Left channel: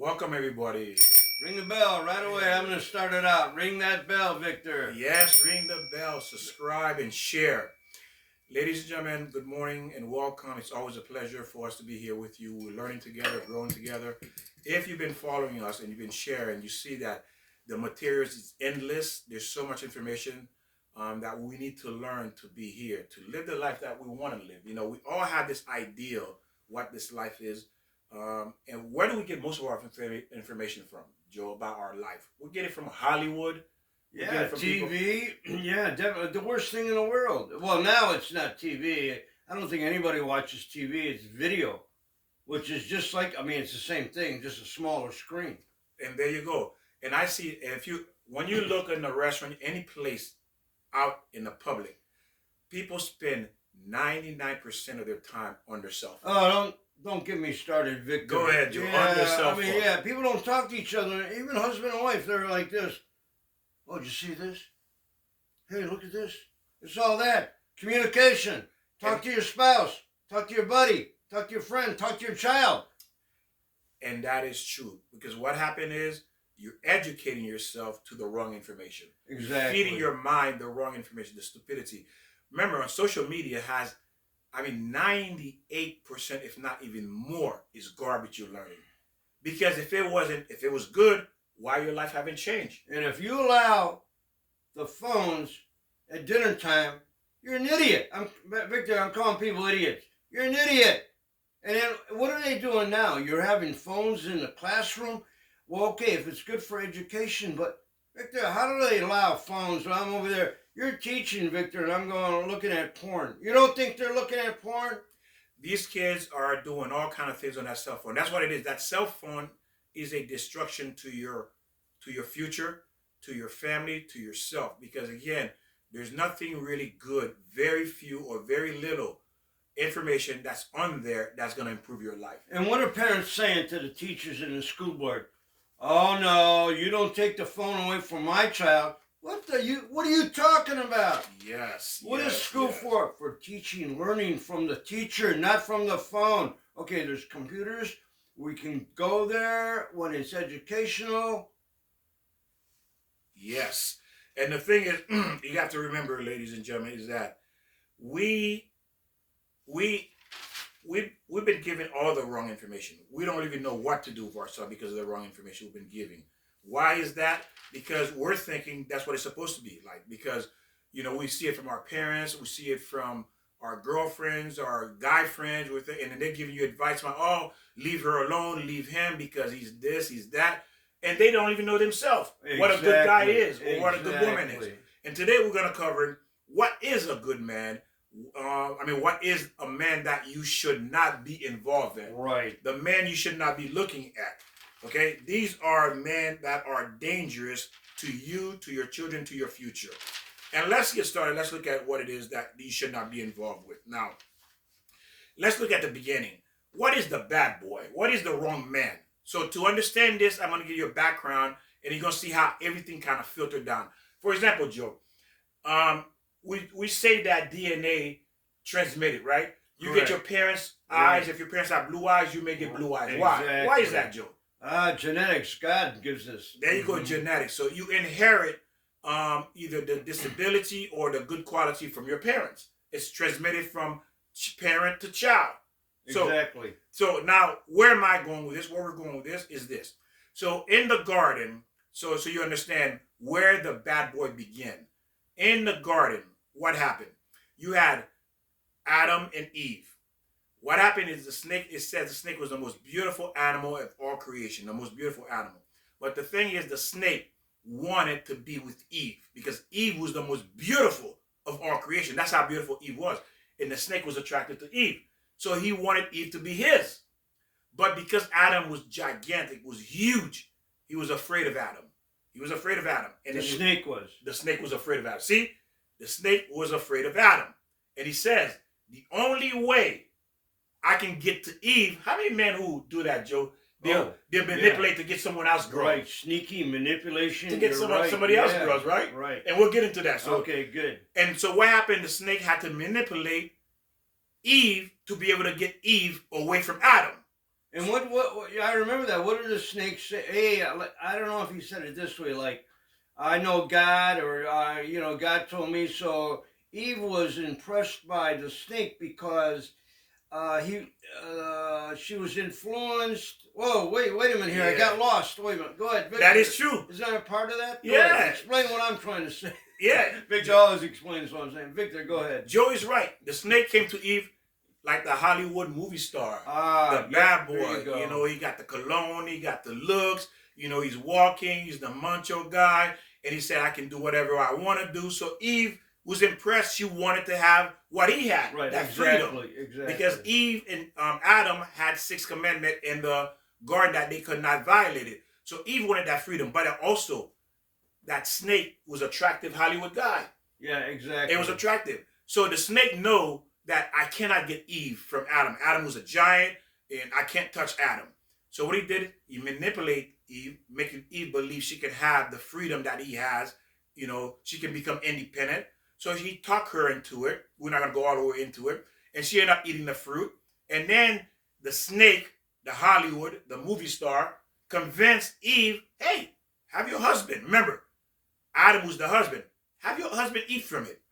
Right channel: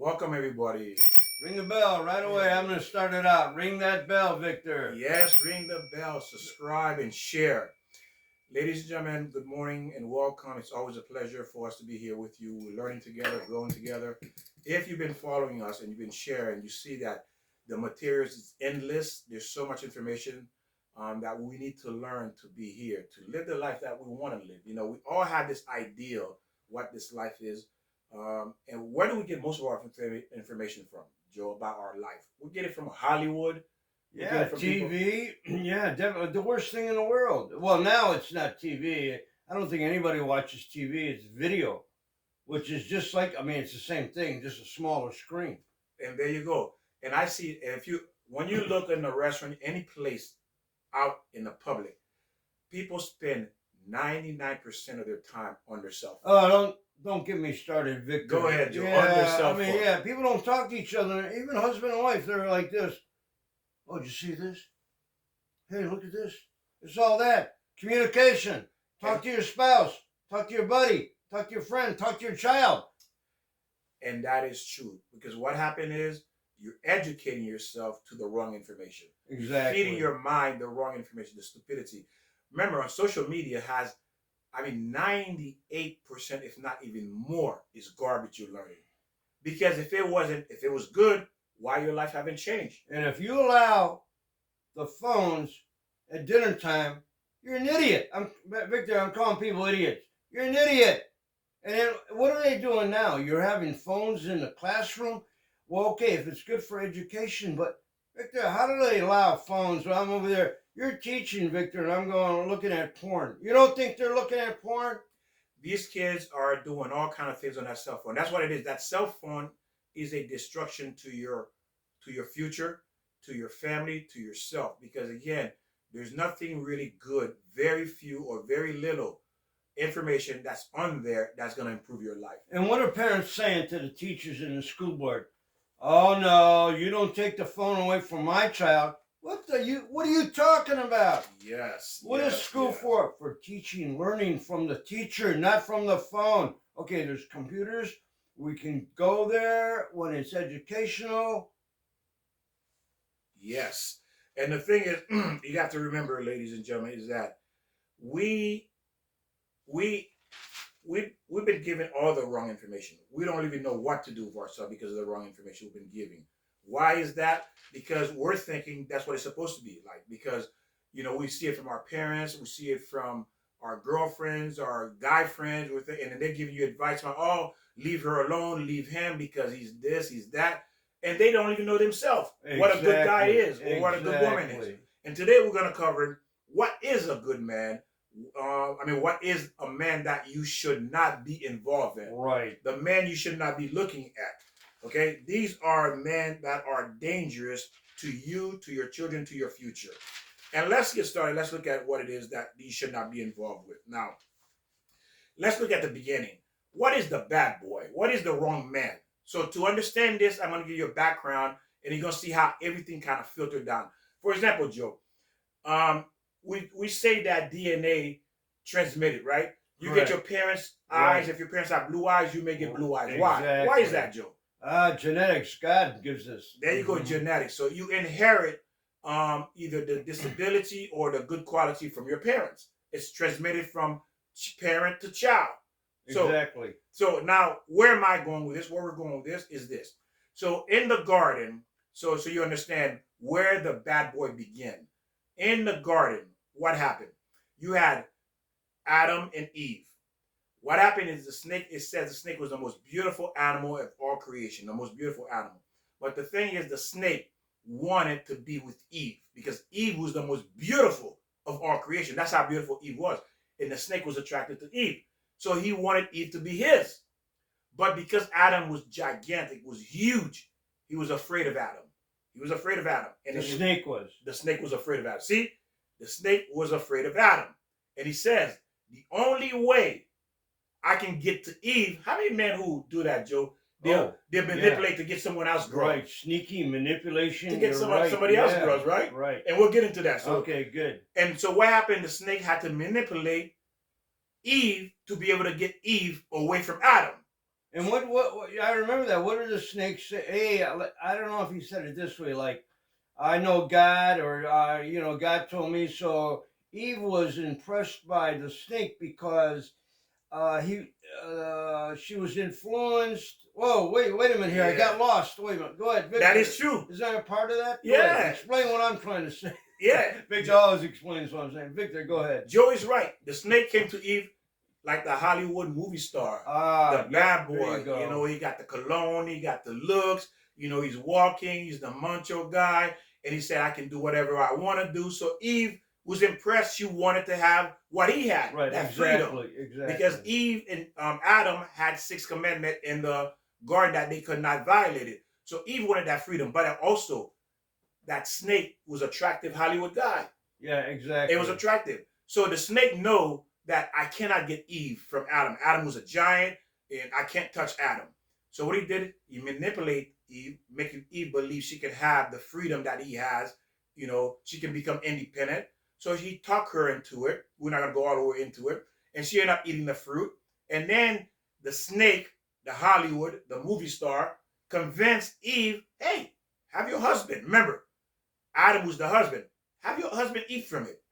Welcome, everybody. Ring the bell right away. I'm going to start it out. Ring that bell, Victor. Yes, ring the bell, subscribe, and share. Ladies and gentlemen, good morning and welcome. It's always a pleasure for us to be here with you. We're learning together, growing together. If you've been following us and you've been sharing, you see that the materials is endless. There's so much information that we need to learn to be here, to live the life that we want to live. You know, we all have this ideal what this life is. And where do we get most of our information from, Joe, about our life? We get it from Hollywood. Yeah, TV. Yeah, definitely. The worst thing in the world. Well, now it's not TV. I don't think anybody watches TV. It's video, which is just like, it's the same thing, just a smaller screen. And there you go. And I see when you look in a restaurant, any place out in the public, people spend 99% of their time on their cell phone. Oh, don't get me started, Victor. Go ahead, Joe. Yeah, on their cell phone. people don't talk to each other. Even husband and wife, they're like this. Oh, did you see this? Hey, look at this. It's all that. Communication. Talk to your spouse. Talk to your buddy. Talk to your friend. Talk to your child. And that is true. Because what happened is you're educating yourself to the wrong information. Exactly. You're feeding your mind the wrong information, the stupidity. Remember, social media has, 98%, if not even more, is garbage you're learning. Because if it was good, why your life haven't changed? And if you allow the phones at dinner time, you're an idiot. Victor, I'm calling people idiots. You're an idiot. And then what are they doing now? You're having phones in the classroom? Well, okay, if it's good for education, but Victor, how do they allow phones? Well, I'm over there. You're teaching, Victor, and I'm going looking at porn. You don't think they're looking at porn? These kids are doing all kind of things on that cell phone. That's what it is. That cell phone is a destruction to your future, to your family, to yourself. Because again, there's nothing really good, very few or very little information that's on there that's going to improve your life. And what are parents saying to the teachers and the school board? Oh no, you don't take the phone away from my child. What are you talking about? Yes. What is school for? For teaching, learning from the teacher, not from the phone. Okay, there's computers. We can go there when it's educational. Yes. And the thing is, you have to remember, ladies and gentlemen, is that we've been given all the wrong information. We don't even know what to do with ourselves because of the wrong information we've been giving. Why is that? Because we're thinking that's what it's supposed to be like. Because, we see it from our parents, we see it from our girlfriends, our guy friends, and then they're giving you advice on, oh, leave her alone, leave him because he's this, he's that. And they don't even know themselves what a good guy is or what a good woman is. And today we're going to cover what is a good man. What is a man that you should not be involved in? Right. The man you should not be looking at. Okay? These are men that are dangerous to you, to your children, to your future. And let's get started. Let's look at what it is that you should not be involved with. Now, let's look at the beginning. What is the bad boy? What is the wrong man? So to understand this, I'm going to give you a background, and you're going to see how everything kind of filtered down. For example, Joe, we say that DNA transmitted, right? You get your parents' eyes. If your parents have blue eyes, you may get blue eyes. Exactly. Why? Why is that, Joe? Genetics. God gives us. There you go, genetics. So you inherit either the disability or the good quality from your parents. It's transmitted from parent to child. Exactly. So now, where am I going with this? Where we're going with this is this. So in the garden, so you understand where the bad boy began. In the garden, what happened? You had Adam and Eve. What happened is it says the snake was the most beautiful animal of all creation, the most beautiful animal. But the thing is, the snake wanted to be with Eve because Eve was the most beautiful of all creation. That's how beautiful Eve was. And the snake was attracted to Eve. So he wanted Eve to be his. But because Adam was gigantic, was huge, he was afraid of Adam. He was afraid of Adam. And the snake was. The snake was afraid of Adam. See? The snake was afraid of Adam. And he says, the only way I can get to Eve, how many men who do that, Joe? They'll manipulate to get someone else girl. Right, sneaky manipulation. To get somebody else girls, right? Right. And we'll get into that. So, okay, good. And so what happened, the snake had to manipulate Eve to be able to get Eve away from Adam. And what I remember that. What did the snake say? Hey, I don't know if he said it this way, like, I know God, or God told me so. Eve was impressed by the snake because he she was influenced. Whoa, wait a minute here. I got Yeah, lost. Wait a minute. Go ahead, that is Victor. true. Is that a part of that? Go ahead. Yeah, Explain what I'm trying to say. yeah. Victor always explains what I'm saying. Victor, go ahead. Joe is right. The snake came to Eve like the Hollywood movie star, the bad There boy. you go. He got the cologne, he got the looks. He's walking, he's the macho guy, and he said, "I can do whatever I want to do." So Eve was impressed. She wanted to have what he had, Right, that exactly, freedom, exactly. because Eve and Adam had sixth commandment in the garden that they could not violate it. So Eve wanted that freedom, but also that snake was attractive Hollywood guy. Yeah, exactly. It was attractive. So the snake know that I cannot get Eve from Adam. Adam was a giant, and I can't touch Adam. So what he did, he manipulate Eve, making Eve believe she can have the freedom that he has. She can become independent. So he talked her into it. We're not gonna go all the way into it. And she ended up eating the fruit. And then the snake, the Hollywood, the movie star, convinced Eve, hey, have your husband. Remember, Adam was the husband. Have your husband eat from it.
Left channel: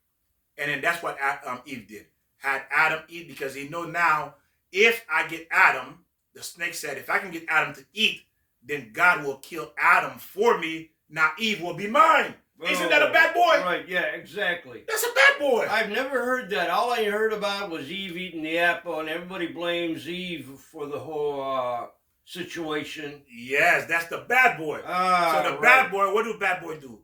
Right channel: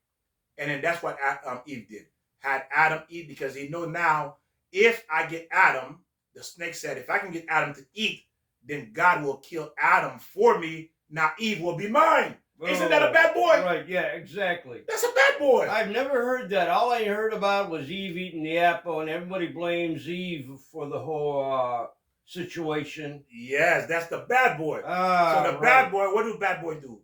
And then that's what Eve did. Had Adam eat, because he know now, if I get Adam, the snake said, if I can get Adam to eat, then God will kill Adam for me. Now Eve will be mine. Isn't that a bad boy? Right, yeah, exactly. That's a bad boy. I've never heard that. All I heard about was Eve eating the apple, and everybody blames Eve for the whole situation. Yes, that's the bad boy. So the Right. bad boy, what do bad boy do?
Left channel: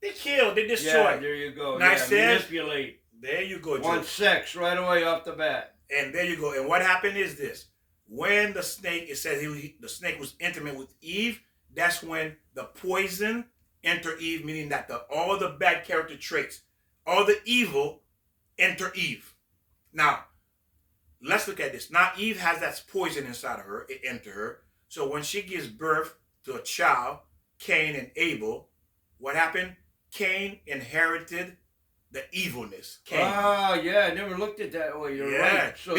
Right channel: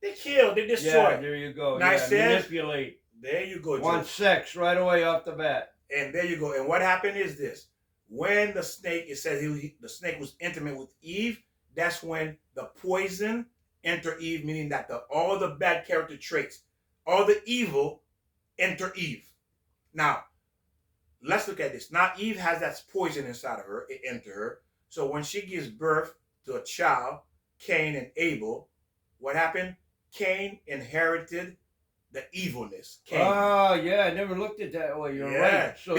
They kill, they destroy. Yeah, there you go. Now yeah, manipulate. There you go, Joe. Want sex right away off the bat. And there you go. And what happened is this. When the snake, it says the snake was intimate with Eve, that's when the poison entered Eve, meaning that all the bad character traits, all the evil enter Eve. Now, let's look at this. Now, Eve has that poison inside of her. It entered her. So when she gives birth to a child, Cain and Abel, what happened? Cain inherited the evilness. Yeah, I never looked at it that way. You're right. So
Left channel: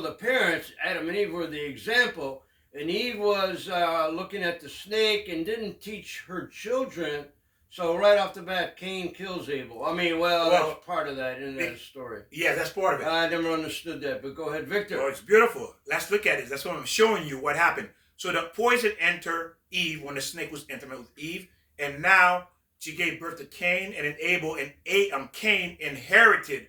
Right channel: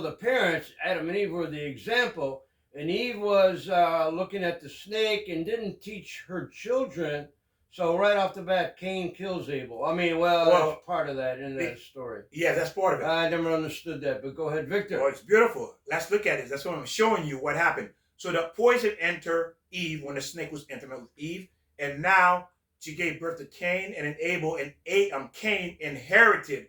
the parents, Adam and Eve, were the example, and Eve was looking at the snake and didn't teach her children. So right off the bat, Cain kills Abel. I mean, that's part of that in that story. Yeah, that's part of it. I never understood that, but go ahead, Victor. Oh, it's beautiful. Let's look at it. That's what I'm showing you what happened. So the poison entered Eve when the snake was intimate with Eve, and now she gave birth to Cain and Abel, and Cain inherited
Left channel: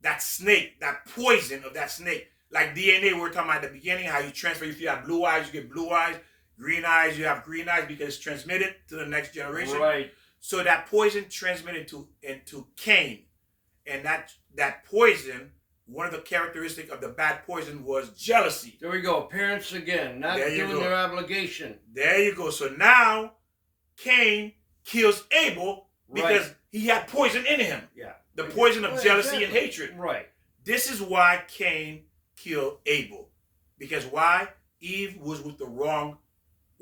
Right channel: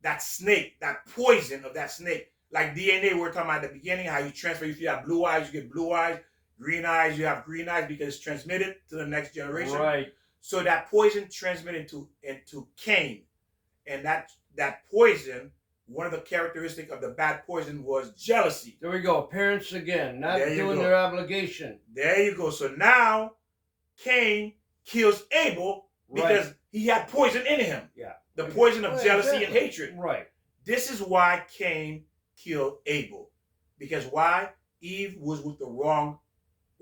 that snake, that poison of that snake. Like DNA, we were talking about at the beginning, how you transfer. If you have blue eyes, you get blue eyes. Green eyes, you have green eyes, because it's transmitted to the next generation. Right. So that poison transmitted into Cain. And that poison, one of the characteristics of the bad poison was jealousy. There we go. Parents again, not doing their obligation. There you go. So now Cain kills Abel because he had poison in him. Yeah. The poison of jealousy and hatred. Right. This is why Cain killed Abel. Because why? Eve was with the wrong,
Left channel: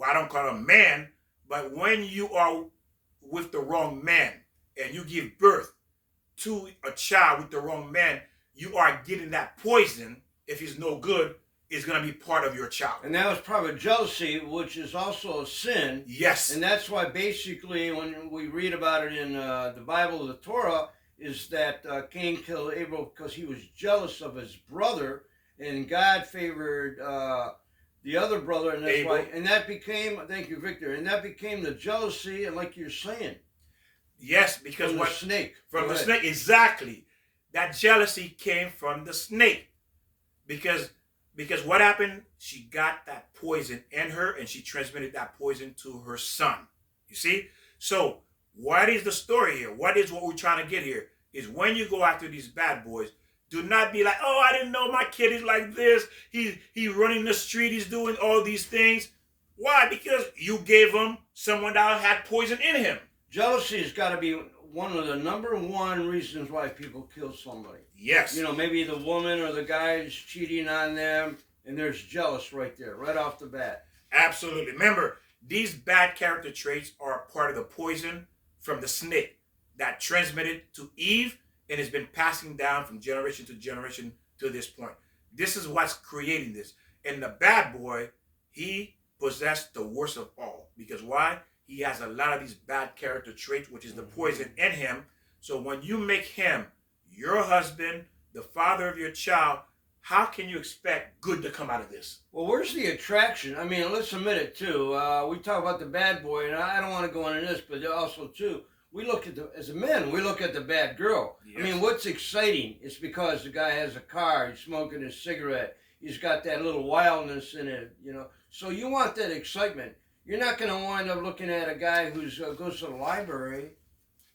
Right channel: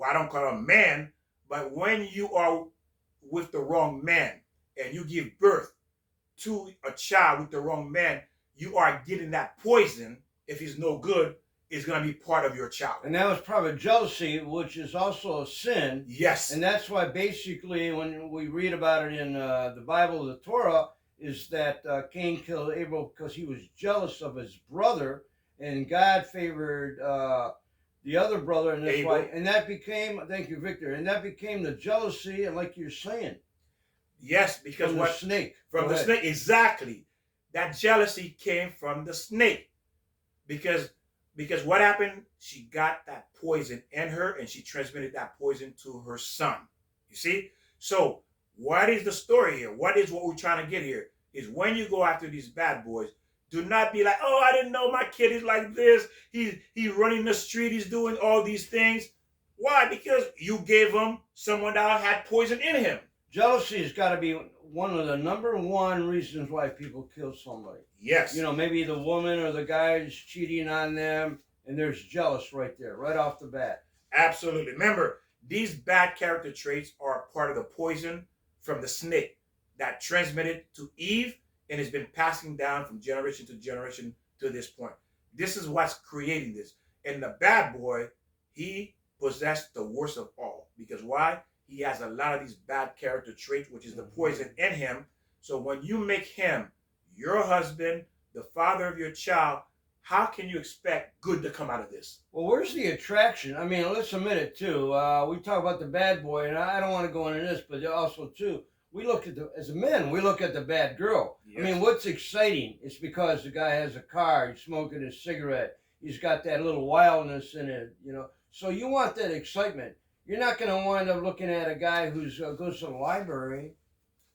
I don't call him man, but when you are with the wrong man and you give birth to a child with the wrong man, you are getting that poison. If he's no good, is going to be part of your child. And that was probably jealousy, which is also a sin. Yes. And that's why basically when we read about it in the Bible, the Torah, is that Cain killed Abel because he was jealous of his brother, and God favored the other brother, and that's Abel. why. And that became, thank you, Victor, and that became the jealousy, and like you're saying. Yes, because from the snake. From the snake, exactly. That jealousy came from the snake. Because what happened? She got that poison in her, and she transmitted that poison to her son. You see? So what is the story here? What we're trying to get here? Is when you go after these bad boys, do not be like, oh, I didn't know my kid is like this. He's running the street. He's doing all these things. Why? Because you gave him someone that had poison in him. Jealousy has got to be one of the number one reasons why people kill somebody. Yes. Maybe the woman or the guy is cheating on them, and there's jealous right there, right off the bat. Absolutely. Remember, these bad character traits are part of the poison from the snake that transmitted to Eve and has been passing down from generation to generation to this point. This is what's creating this. And the bad boy he possessed the worst of all. Because why? He has a lot of these bad character traits, which is the poison in him. So when you make him your husband, the father of your child, how can you expect good to come out of this? Well, where's the attraction? I mean, let's admit it too. We talk about the bad boy, and I don't want to go into this, but also too, we look at as men, we look at the bad girl. Yes. I mean, what's exciting? It's because the guy has a car, he's smoking his cigarette, he's got that little wildness in it, you know. So you want that excitement. You're not going to wind up looking at a guy who's goes to the library.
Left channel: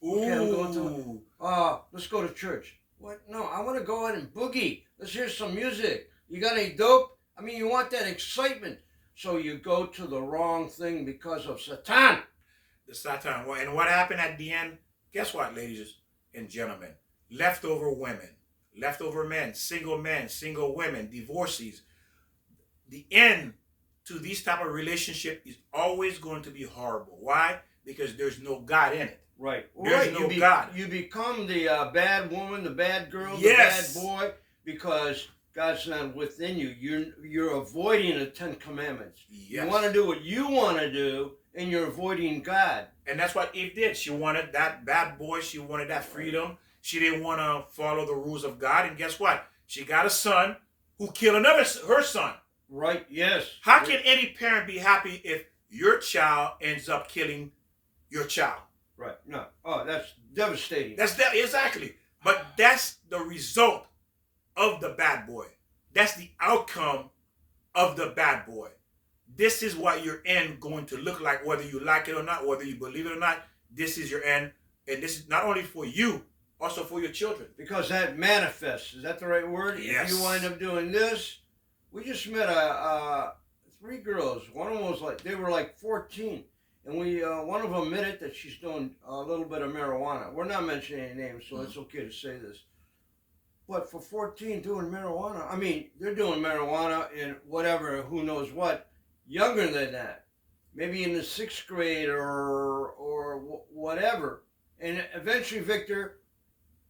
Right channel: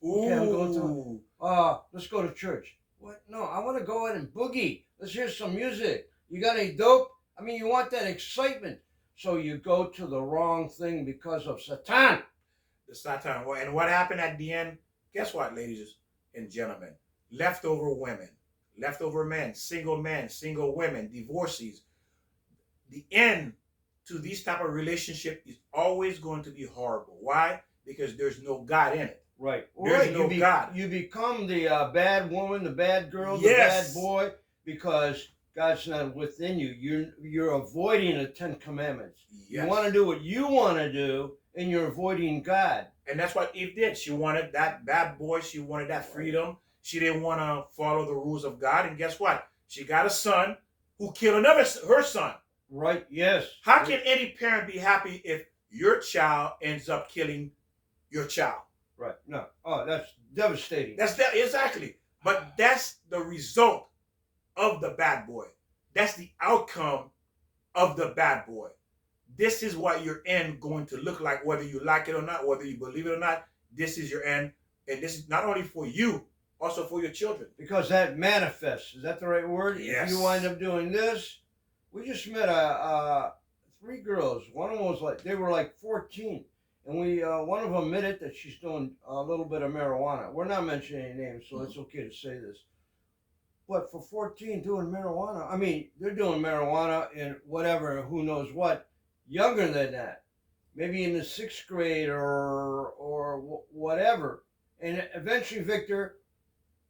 Ooh. Okay, I'm going to. Let's go to church. What? No, I want to go out and boogie. Let's hear some music. You got any dope? I mean, you want that excitement. So you go to the wrong thing because of Satan. The Satan. And what happened at the end? Guess what, ladies and gentlemen? Leftover women, leftover men, single women, divorcees. The end to these type of relationship is always going to be horrible. Why? Because there's no God in it. Right. There's no God. You become the bad woman, the bad girl, yes. the bad boy, because God's not within you. You're avoiding the 10 Commandments. Yes. You want to do what you want to do, and you're avoiding God. And that's what Eve did. She wanted that bad boy. She wanted that freedom. She didn't want to follow the rules of God. And guess what? She got a son who killed her son. Right, yes. How can any parent be happy if your child ends up killing your child? Right. No. Oh, that's devastating. Exactly. But that's the result of the bad boy. That's the outcome of the bad boy. This is what your end going to look like, whether you like it or not, whether you believe it or not. This is your end. And this is not only for you, also for your children. Because that manifests. Is that the right word? Yes. If you wind up doing this. We just met 3 girls. One of them was they were like 14. And one of them admitted that she's doing a little bit of marijuana. We're not mentioning any names, so it's okay to say this. But for 14 doing marijuana, I mean, they're doing marijuana in whatever, who knows what, younger than that. Maybe in the 6th grade or whatever. And eventually, Victor,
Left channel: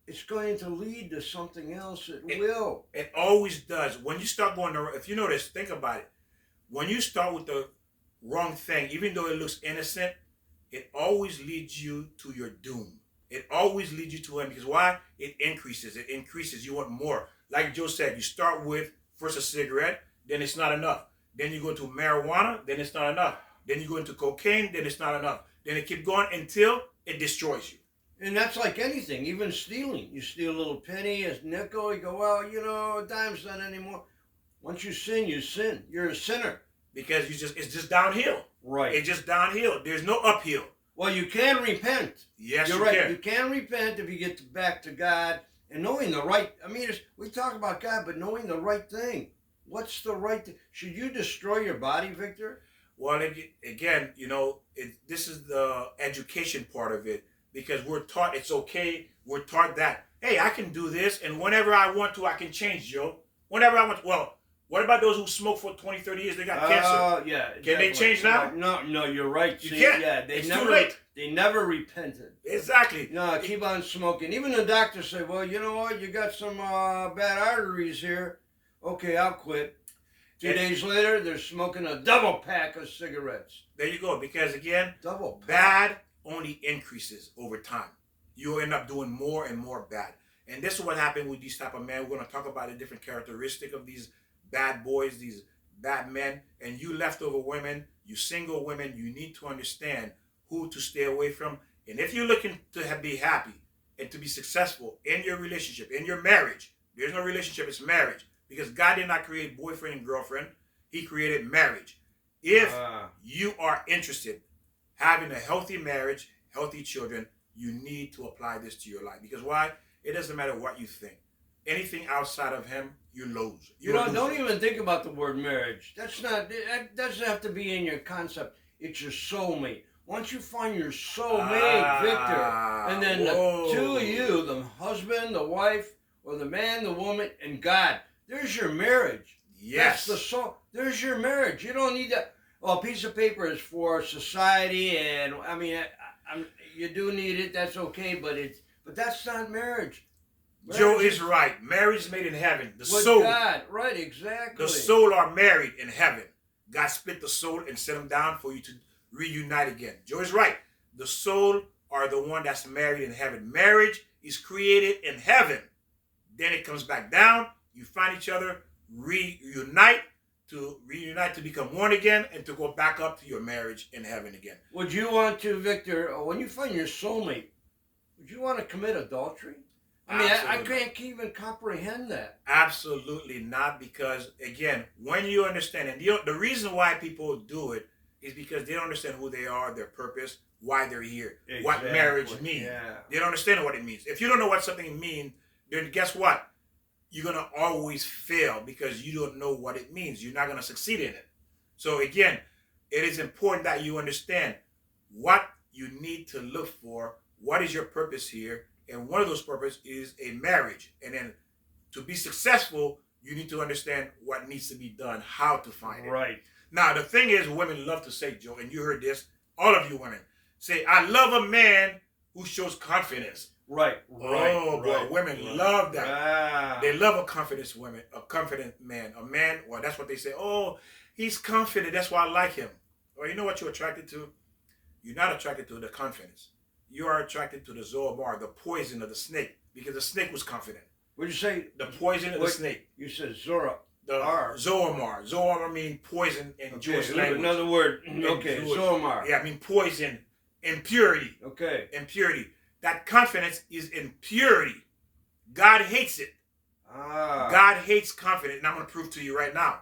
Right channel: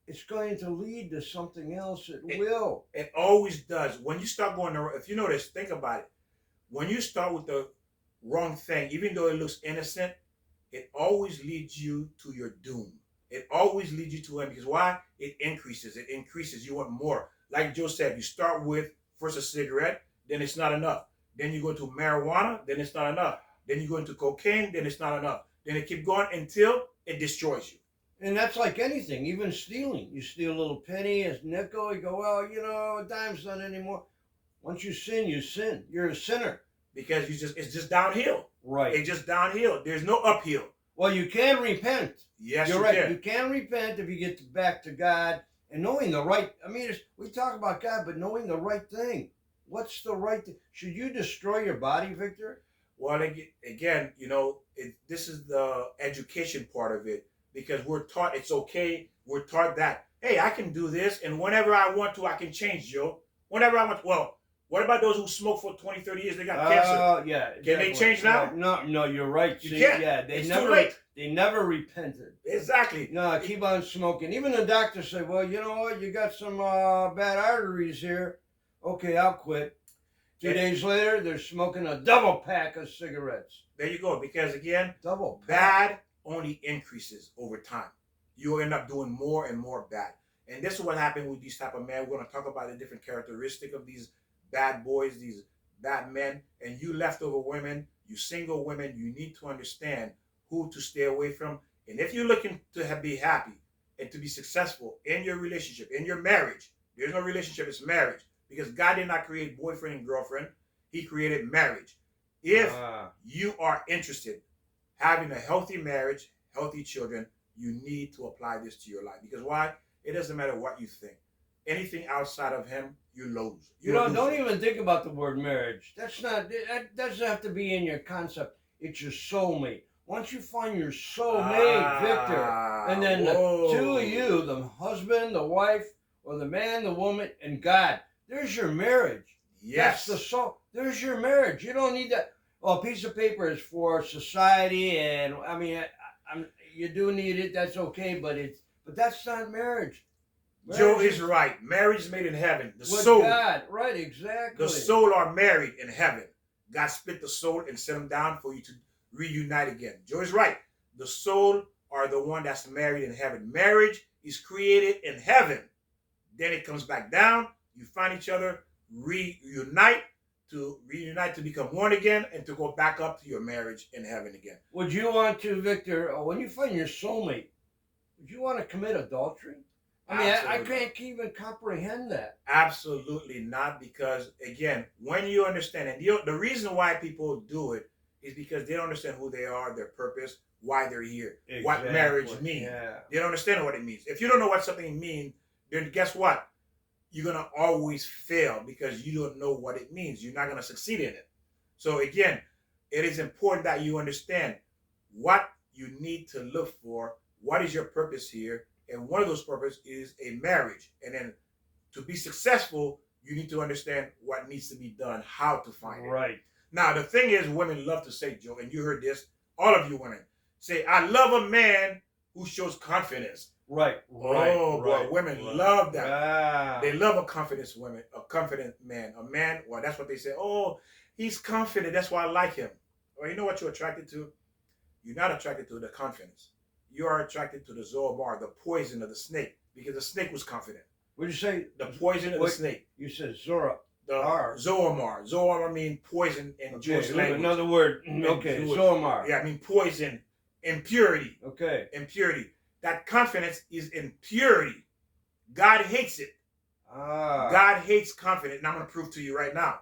it's going to lead to something else. It will. It always does. When you start going, if you notice, think about it. When you start with the wrong thing, even though it looks innocent, it always leads you to your doom. It always leads you to him. Because why? It increases. It increases. You want more. Like Joe said, you start with first a cigarette, then it's not enough. Then you go to marijuana, then it's not enough. Then you go into cocaine, then it's not enough. Then it keeps going until it destroys you. And that's like anything, even stealing. You steal a little penny, a nickel, you go, well, a dime's not anymore. Once you sin, you sin. You're a sinner. Because it's just downhill. Right. It's just downhill. There's no uphill. Well, you can repent. Yes, you're right. Can. You can repent if you get back to God and knowing the right. I mean, we talk about God, but knowing the right thing. What's the right thing? Should you destroy your body, Victor? Well, again, this is the education part of it. Because we're taught it's okay. We're taught that, hey, I can do this, and whenever I want to, I can change, Joe. Whenever I want to. Well, what about those who smoke for 20, 30 years? They got cancer. Oh, yeah. Exactly. Can they change now? No, you're right. You can't. Yeah, it's too late. They never repented. Exactly. No, keep on smoking. Even the doctor said, well, you know what? You got some bad arteries here. Okay, I'll quit. 2 days later, they're smoking a double pack of cigarettes. There you go. Because, again, double pack. Bad only increases over time. You'll end up doing more and more bad. And this is what happened with these type of men. We're going to talk about the different characteristic of these bad boys, these bad men. And you leftover women, you single women, you need to understand who to stay away from. And if you're looking to be happy and to be successful in your relationship, in your marriage, there's no relationship, it's marriage. Because God did not create boyfriend and girlfriend. He created marriage. If you are interested having a healthy marriage, healthy children, you need to apply this to your life. Because why? It doesn't matter what you think. Anything outside of him, you lose. Don't even think about the word marriage. That doesn't have to be in your concept. It's your soulmate. Once you find your soulmate, Victor, and then the 2 of you, the husband, the wife, or the man, the woman, and God, there's your marriage. Yes. That's the soul. There's your marriage. You don't need that. Well, a piece of paper is for society, and I mean, you do need it. That's okay, but that's not marriage. Joe is right. Marriage is made in heaven. The with soul. God, right? Exactly. The soul are married in heaven. God split the soul and set them down for you to reunite again. Joe's right. The soul are the one that's married in heaven. Marriage is created in heaven. Then it comes back down. You find each other, reunite to become one again, and to go back up to your marriage in heaven again. Would you want to, Victor, when you find your soulmate, would you want to commit adultery? I mean, I can't even comprehend that. Absolutely not, because again, when you understand, and the reason why people do it is because they don't understand who they are, their purpose, why they're here, what marriage means. Yeah. They don't understand what it means. If you don't know what something means, then guess what? You're going to always fail because you don't know what it means. You're not going to succeed in it. So again, it is important that you understand what you need to look for. What is your purpose here? And one of those purposes is a marriage. And then to be successful, you need to understand what needs to be done, how to find it. Right. Now, the thing is, women love to say, Joe, and you heard this, all of you women, say, I love a man who shows confidence. Right. Oh, boy, women love that. Yeah. They love a confident man. A man, well, that's what they say. Oh, he's confident. That's why I like him. Well, you know what you're attracted to? You're not attracted to the confidence. You are attracted to the zoomar, the poison of the snake, because the snake was confident. What did you say? The poison of the snake. You said Zora. The zoomar. Zoomar means poison in Jewish language. Another word. Okay, zoomar. Yeah, I mean poison, impurity. Okay. Impurity. That confidence is impurity. God hates it. God hates confidence. And I'm going to prove to you right now.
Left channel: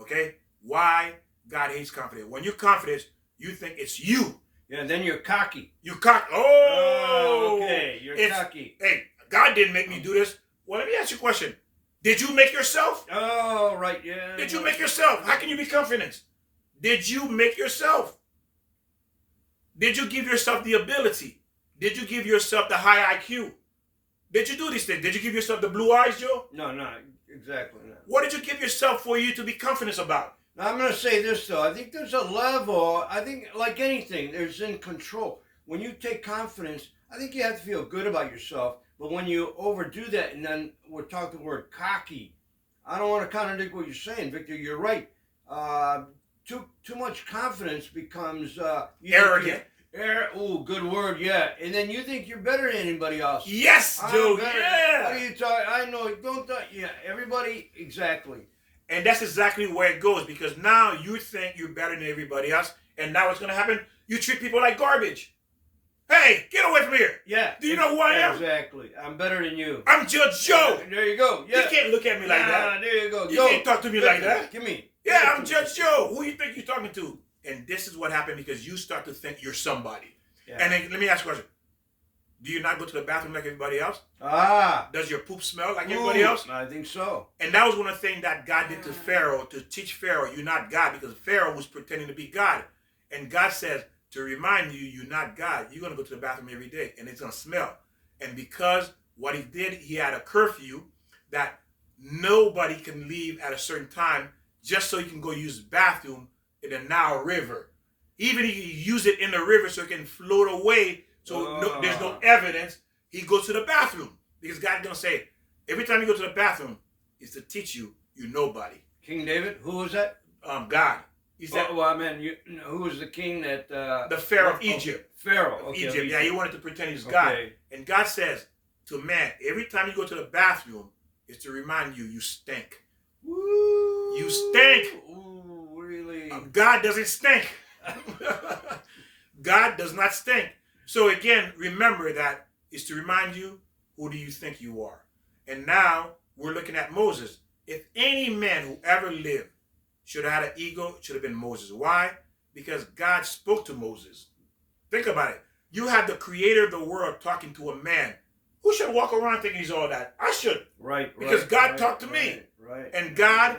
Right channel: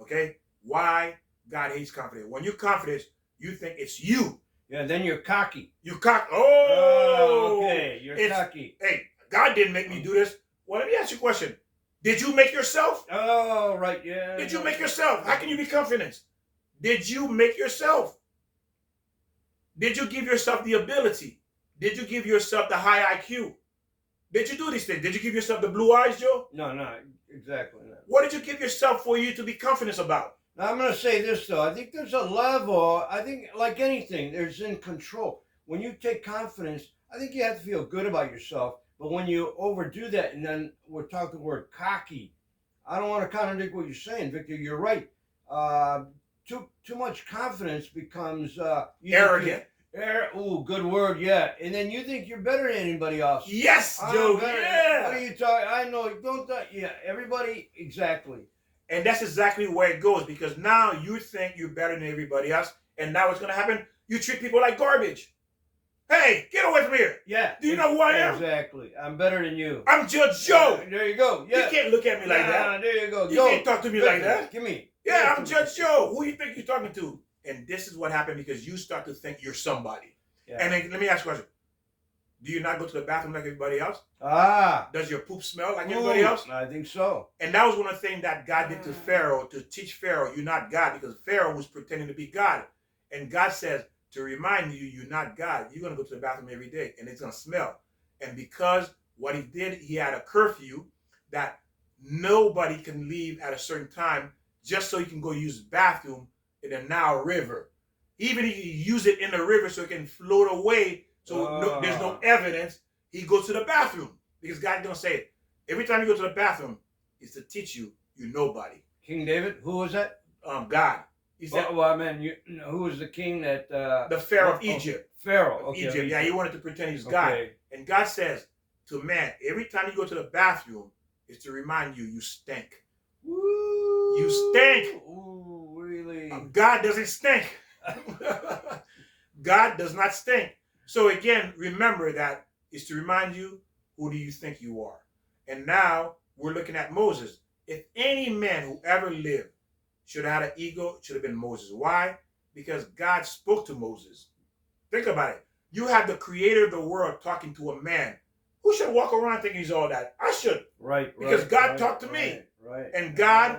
Okay? Why God hates confidence. When you're confident, you think it's you. Yeah, and then you're cocky. You cocky. Oh! Okay, you're cocky. Hey, God didn't make me do this. Well, let me ask you a question. Did you make yourself? Oh, right, yeah. Did you make yourself? How can you be confident? Did you make yourself? Did you give yourself the ability? Did you give yourself the high IQ? Did you do these things? Did you give yourself the blue eyes, Joe? No, exactly. No. What did you give yourself for you to be confident about? Now, I'm going to say this, though. I think there's a level, I think, like anything, there's in control. When you take confidence, I think you have to feel good about yourself. But when you overdo that, and then we're talking the word cocky, I don't want to contradict what you're saying, Victor. You're right. Too much confidence becomes arrogant. Good word, yeah. And then you think you're better than anybody else. Yes, Joe. Yeah. What are you talking? I know. Don't. Yeah. Everybody. Exactly. And that's exactly where it goes, because now you think you're better than everybody else, and now what's going to happen? You treat people like garbage. Hey, get away from here. Yeah. Do you know who I am? Exactly. I'm better than you. I'm Judge Joe. There you go. Yeah. You can't look at me like that. There you go. You can't talk to me like that. Give me. Yeah, I'm Judge Joe. Who do you think you're talking to? And this is what happened because you start to think you're somebody. Yeah. And then let me ask you a question. Do you not go to the bathroom like everybody else? Does your poop smell like everybody else? I think so. And that was one of the things that God did to Pharaoh, to teach Pharaoh, you're not God, because Pharaoh was pretending to be God. And God says, to remind you, you're not God. You're going to go to the bathroom every day, and it's going to smell. And because what he did, he had a curfew that nobody can leave at a certain time just so he can go use the bathroom in the Nile River. Even he used it in the river so it can float away, so there's no evidence. He goes to the bathroom because God's going to say, every time you go to the bathroom, it's to teach you you're nobody. King David, who was that? God. He said, who was the king that... the Pharaoh of Egypt. Pharaoh, okay. Egypt. Yeah, he wanted to pretend he's God. And God says to man, every time you go to the bathroom, it's to remind you, you stink. Woo! You stink. Ooh, really? God doesn't stink. God does not stink. So again, remember that is to remind you, who do you think you are? And now we're looking at Moses. If any man who ever lived should have had an ego, it should have been Moses. Why? Because God spoke to Moses. Think about it. You have the creator of the world talking to a man. Who should walk around thinking he's all that? I should. Right. Because God talked to me. Right. And God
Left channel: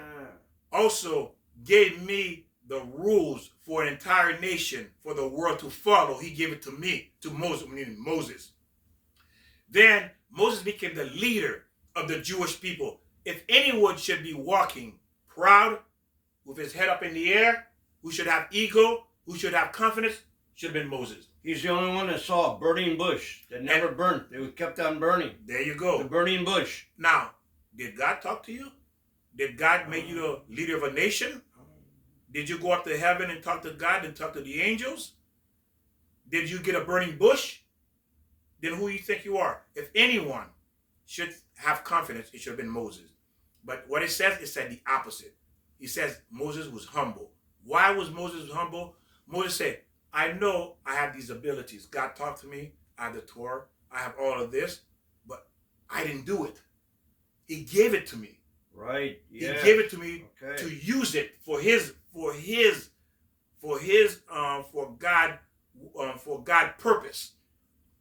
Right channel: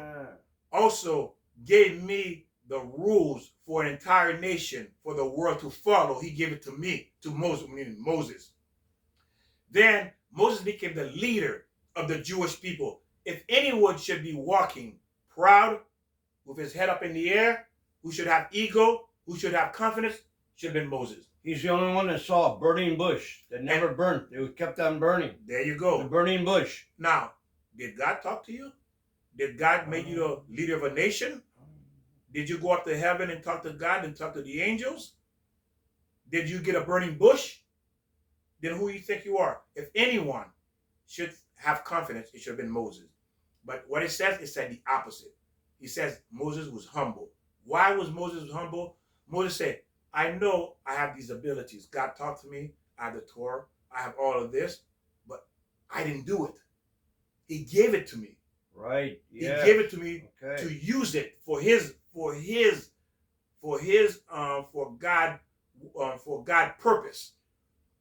also gave me the rules for an entire nation, for the world to follow. He gave it to me, to Moses. Then Moses became the leader of the Jewish people. If anyone should be walking proud, with his head up in the air, who should have ego, who should have confidence, should have been Moses. He's the only one that saw a burning bush that never burnt. It kept on burning. There you go. The burning bush. Now, did God talk to you? Did God make you the leader of a nation? Did you go up to heaven and talk to God and talk to the angels? Did you get a burning bush? Then who do you think you are? If anyone should have confidence, it should have been Moses. But what it said the opposite. He says Moses was humble. Why was Moses humble? Moses said, I know I have these abilities. God talked to me. I have the Torah. I have all of this, but I didn't do it. He gave it to me. Right. Yeah. He gave it to me to use it for God purpose.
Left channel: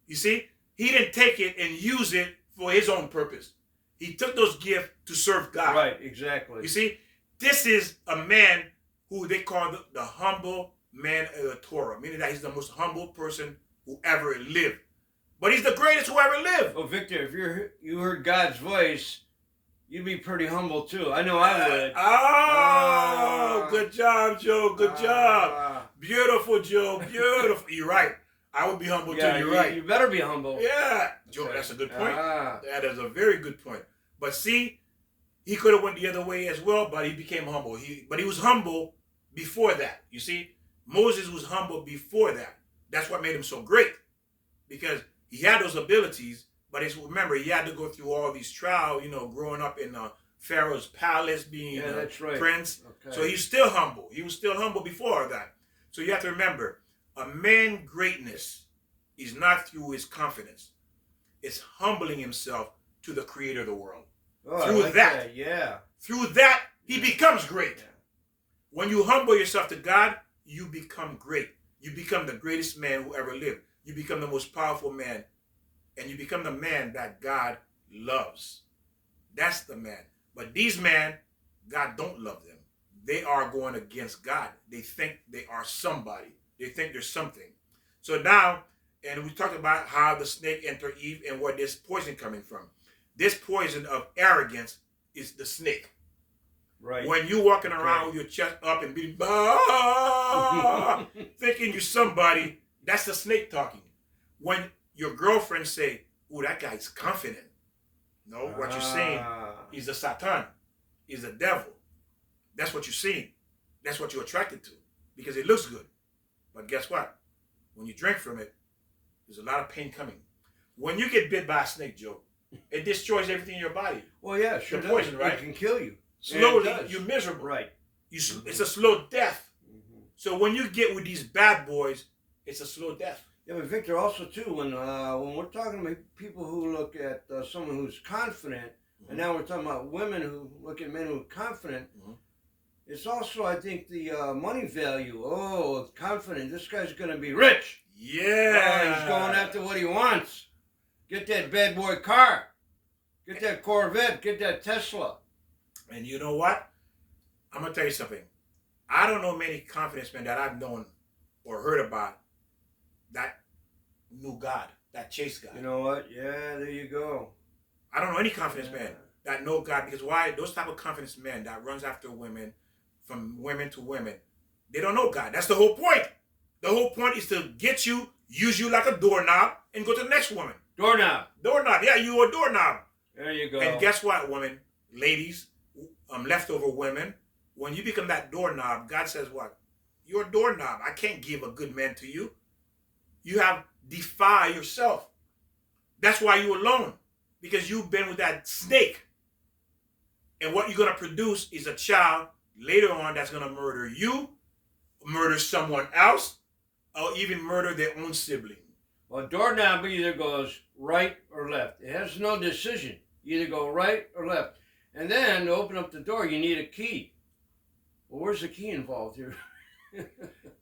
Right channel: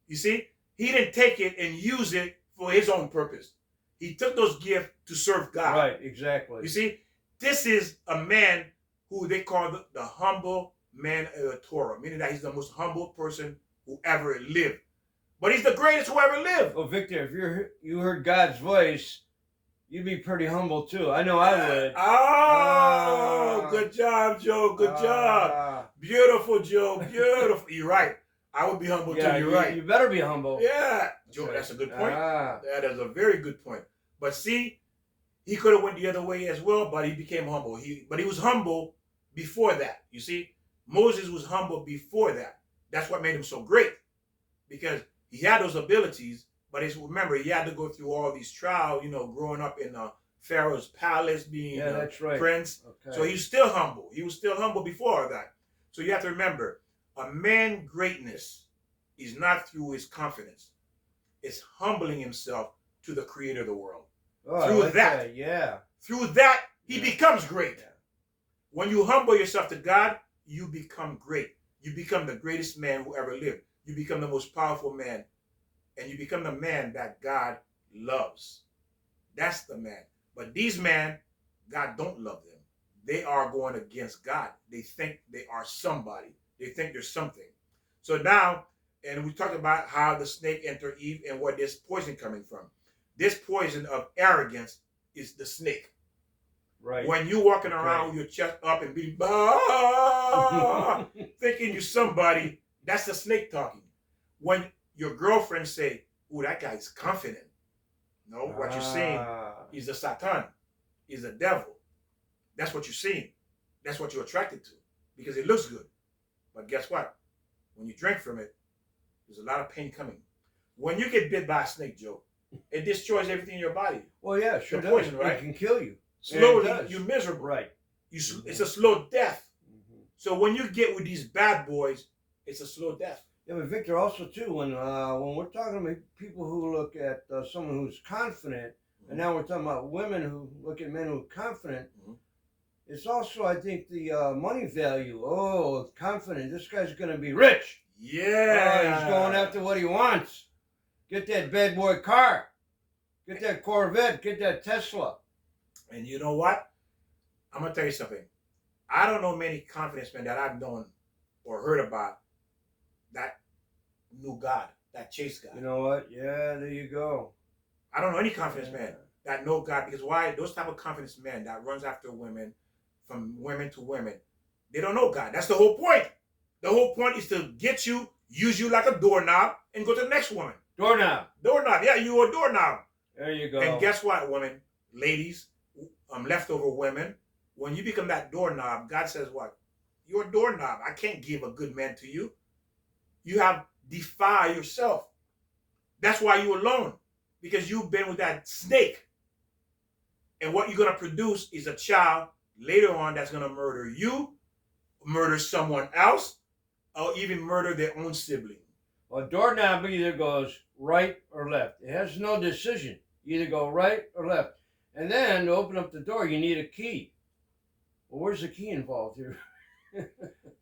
You see, he didn't take it and use it for his own purpose. He took those gifts to serve God. Right. Exactly. You see, this is a man who they call the humble man of the Torah, meaning that he's the most humble person who ever lived. But he's the greatest who ever lived. Well, Victor, if you heard God's voice, you'd be pretty humble too. I know I would. Good job, Joe. Good job. Beautiful, Joe. Beautiful. You're right. I would be humble too. You're right. You better be humble. Yeah. Joe, that's a good point. That is a very good point. But see, he could have went the other way as well, but he became humble. But he was humble before that. You see, Moses was humble before that. That's what made him so great. Because he had those abilities, but remember, he had to go through all these trials, growing up in Pharaoh's palace, being that's right. prince. Okay. So he's still humble. He was still humble before that. So you have to remember, a man's greatness is not through his confidence. It's humbling himself to the creator of the world. Oh, through that, through that, he becomes great. Yeah. When you humble yourself to God, you become great. You become the greatest man who ever lived. You become the most powerful man. And you become the man that God loves. That's the man. But these men, God don't love them. They are going against God. They think they are somebody. They think they're something. So now, and we talked about how the snake entered Eve and where this poison coming from. This poison of arrogance is the snake. Right. When you walking around with your chest up and beating, thinking you're somebody, that's the snake talking. When your girlfriend say, "Ooh, that guy's confident," no, what you're saying is the Satan, is the devil. That's what you're seeing. That's what you're attracted to because it looks good. But guess what? When you drink from it, there's a lot of pain coming. When you get bit by a snake, Joe, it destroys everything in your body. Well, yeah, sure the poison, does. Right? It can kill you. Slowly, you're miserable. Right. It's a slow death. Mm-hmm. So when you get with these bad boys, it's a slow death. Yeah, but Victor, also too, when we're talking about people who look at someone who's confident, and now we're talking about women who look at men who are confident, it's also, I think, the money value. Oh, confident. This guy's going to be rich. Yeah. He's going after what he wants. Get that bad boy car. Get that Corvette. Get that Tesla. And you know what? I'm going to tell you something. I don't know many confidence men that I've known or heard about that knew God, that chased God. You know what? Yeah, there you go. I don't know any confidence man that know God, because why? Those type of confidence men that runs after women, from women to women, they don't know God. That's the whole point. The whole point is to get you, use you like a doorknob, and go to the next woman. Doorknob. Doorknob. Yeah, you a doorknob. There you go. And guess what, women, ladies, leftover women, when you become that doorknob, God says what? You're a doorknob. I can't give a good man to you. You have defiled yourself. That's why you're alone. Because you've been with that snake. And what you're going to produce is a child later on that's going to murder you, murder someone else, or even murder their own sibling. Well, doorknob either goes right or left. It has no decision. You either go right or left. And then to open up the door, you need a key. Well, where's the key involved here?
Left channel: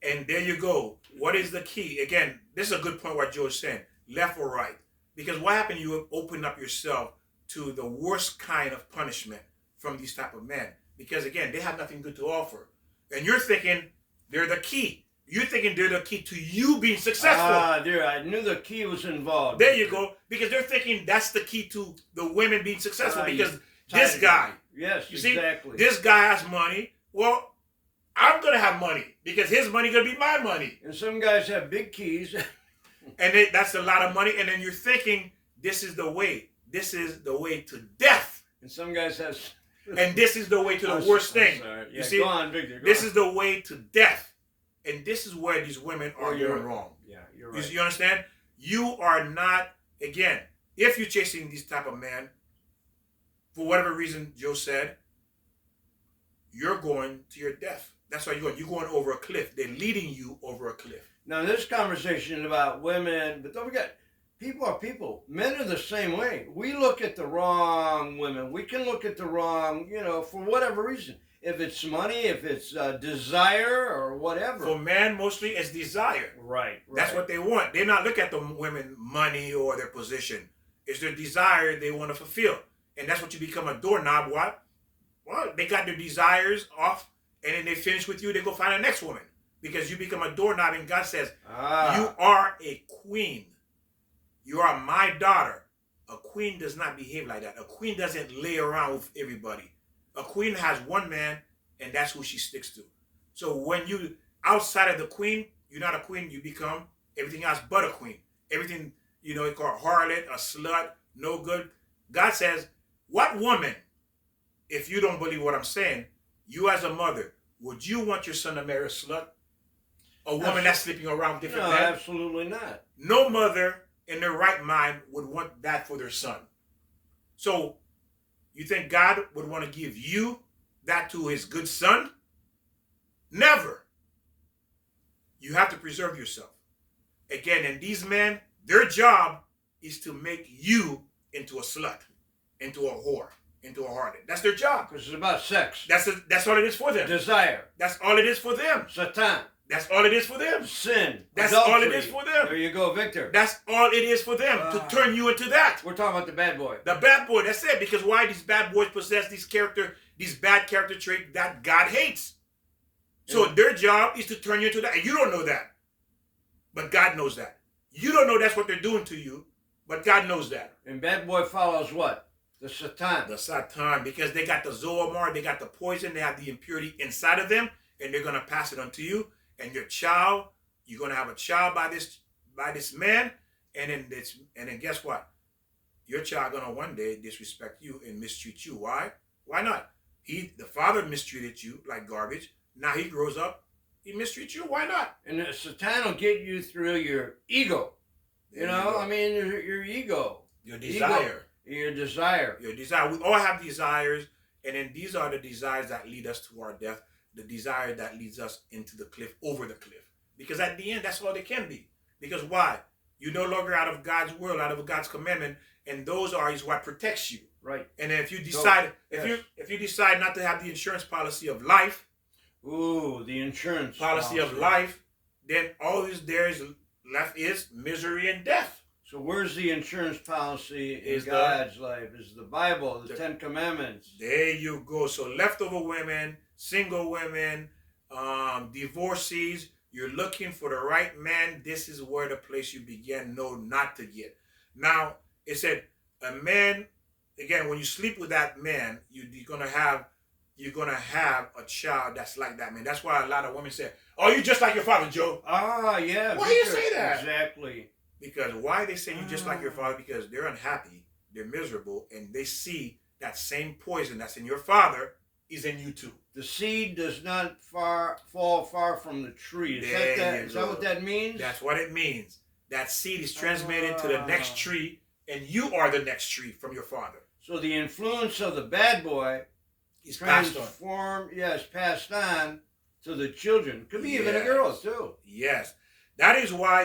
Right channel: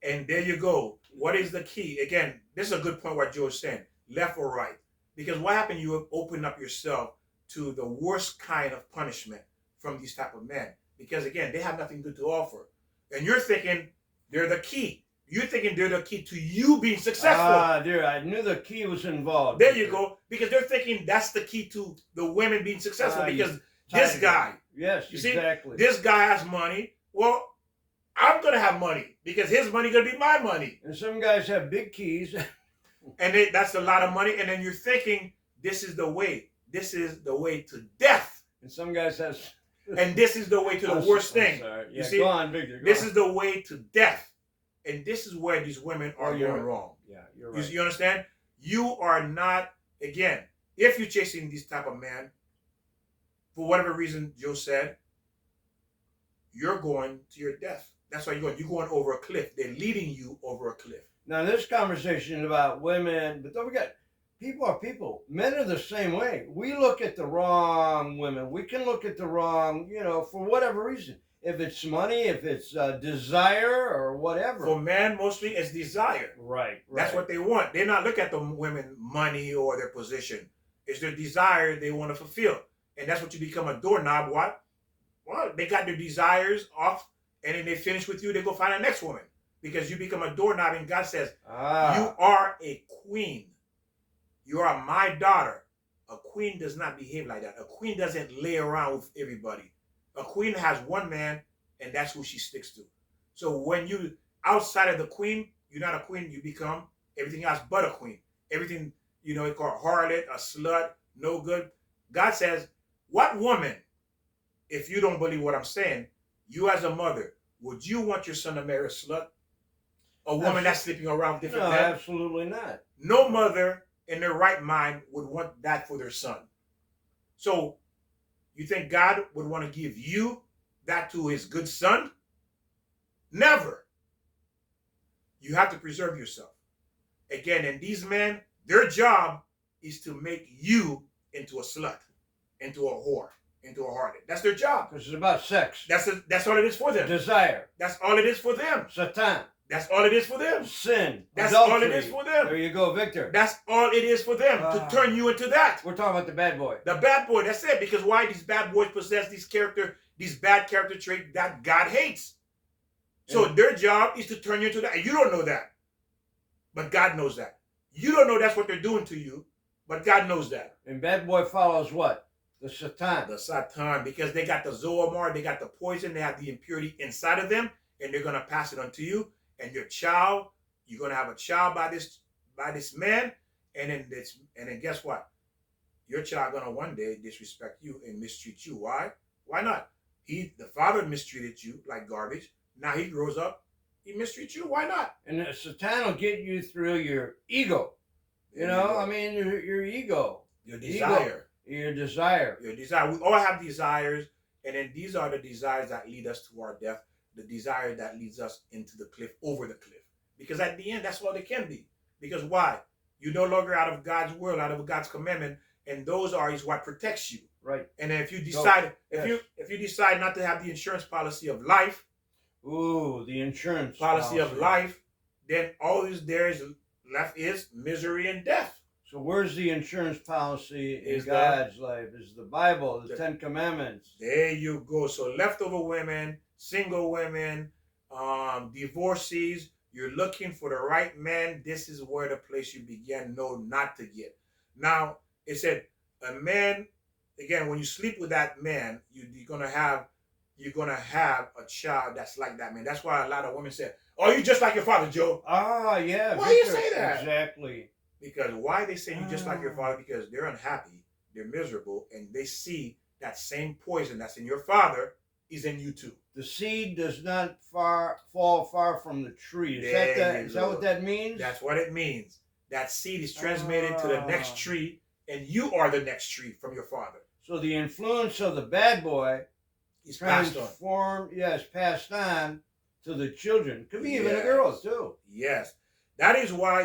And there you go. What is the key? Again, this is a good point what George's saying. Left or right. Because what happened, you have opened up yourself to the worst kind of punishment from these type of men. Because again, they have nothing good to offer. And you're thinking they're the key. You're thinking they're the key to you being successful. There, I knew the key was involved. There you go. Because they're thinking that's the key to the women being successful. Because this guy. Yes, you exactly. See, this guy has money. Well, I'm going to have money because his money going to be my money. And some guys have big keys. And that's a lot of money. And then you're thinking, this is the way. This is the way to death. And some guys have And this is the way to the worst thing. Yeah, you see, go on, Victor. This is the way to death. And this is where these women are going wrong. Yeah, you're right. You understand? You are not, again, if you're chasing this type of man, for whatever reason Joe said, you're going to your death. That's why you're going. You're going over a cliff. They're leading you over a cliff. Now, this conversation is about women, but don't forget, people are people. Men are the same way. We look at the wrong women. We can look at the wrong, for whatever reason. If it's money, if it's desire or whatever. For men, mostly it's desire. Right. That's what they want. They're not looking at the women money or their position. It's their desire they want to fulfill. And that's what you become a doorknob. What? Well, they got their desires off, and then they finish with you, they go find the next woman. Because you become a doorknob, and God says, you are a queen. You are my daughter. A queen does not behave like that. A queen doesn't lay around with everybody. A queen has one man, and that's who she sticks to. So when you outside of the queen, you're not a queen. You become everything else but a queen. Everything, you call harlot, a slut, no good. God says, what woman, if you don't believe what I'm saying, you as a mother, would you want your son to marry a slut? A woman that's sleeping around with different men? No, absolutely not. No mother in their right mind would want that for their son. So, you think God would want to give you that to his good son? Never. You have to preserve yourself. Again, and these men, their job is to make you into a slut, into a whore, into a harlot. That's their job. Because it's about sex. That's all it is for them. Desire. That's all it is for them. Satan. That's all it is for them. Sin. That's adultery. all it is for them. There you go, Victor. That's all it is for them, to turn you into that. We're talking about the bad boy. The bad boy, that's it. Because why? These bad boys possess these bad character traits that God hates. So their job is to turn you into that. And you don't know that. But God knows that. You don't know that's what they're doing to you. But God knows that. And bad boy follows what? The Satan. The Satan. Because they got the Zoamar, they got the poison, they have the impurity inside of them. And they're going to pass it on to you. And your child, you're going to have a child by this man. And then guess what? Your child going to one day disrespect you and mistreat you. Why? Why not? The father mistreated you like garbage. Now he grows up, he mistreats you. Why not? And the Satan will get you through your ego. I mean, your ego. Your desire. Your desire. Your desire. We all have desires. And then these are the desires that lead us to our death. The desire that leads us into the cliff, over the cliff. Because at the end, that's all they can be. Because why? You're no longer out of God's will, out of God's commandment. And those is what protects you. Right. And then if you decide, if you decide not to have the insurance policy of life, the insurance policy of life, then all there is left is misery and death. So where's the insurance policy in God's life? Is the Bible, the Ten Commandments. There you go. So leftover women, single women, divorcees, you're looking for the right man. This is where the place you begin not to get. Now, it said a man, again, when you sleep with that man, you're gonna have a child that's like that man. That's why a lot of women say, "Oh, you just like your father, Joe." Yeah. Why do you say that? Exactly. Because why they say you just like your father? Because they're unhappy, they're miserable, and they see that same poison that's in your father is in you too. The seed does not fall far from the tree. Is that what that means? That's what it means. That seed is transmitted to the next tree, and you are the next tree from your father. So the influence of the bad boy is passed on. Yes, passed on to the children. Could be even the girls too. Yes. That is why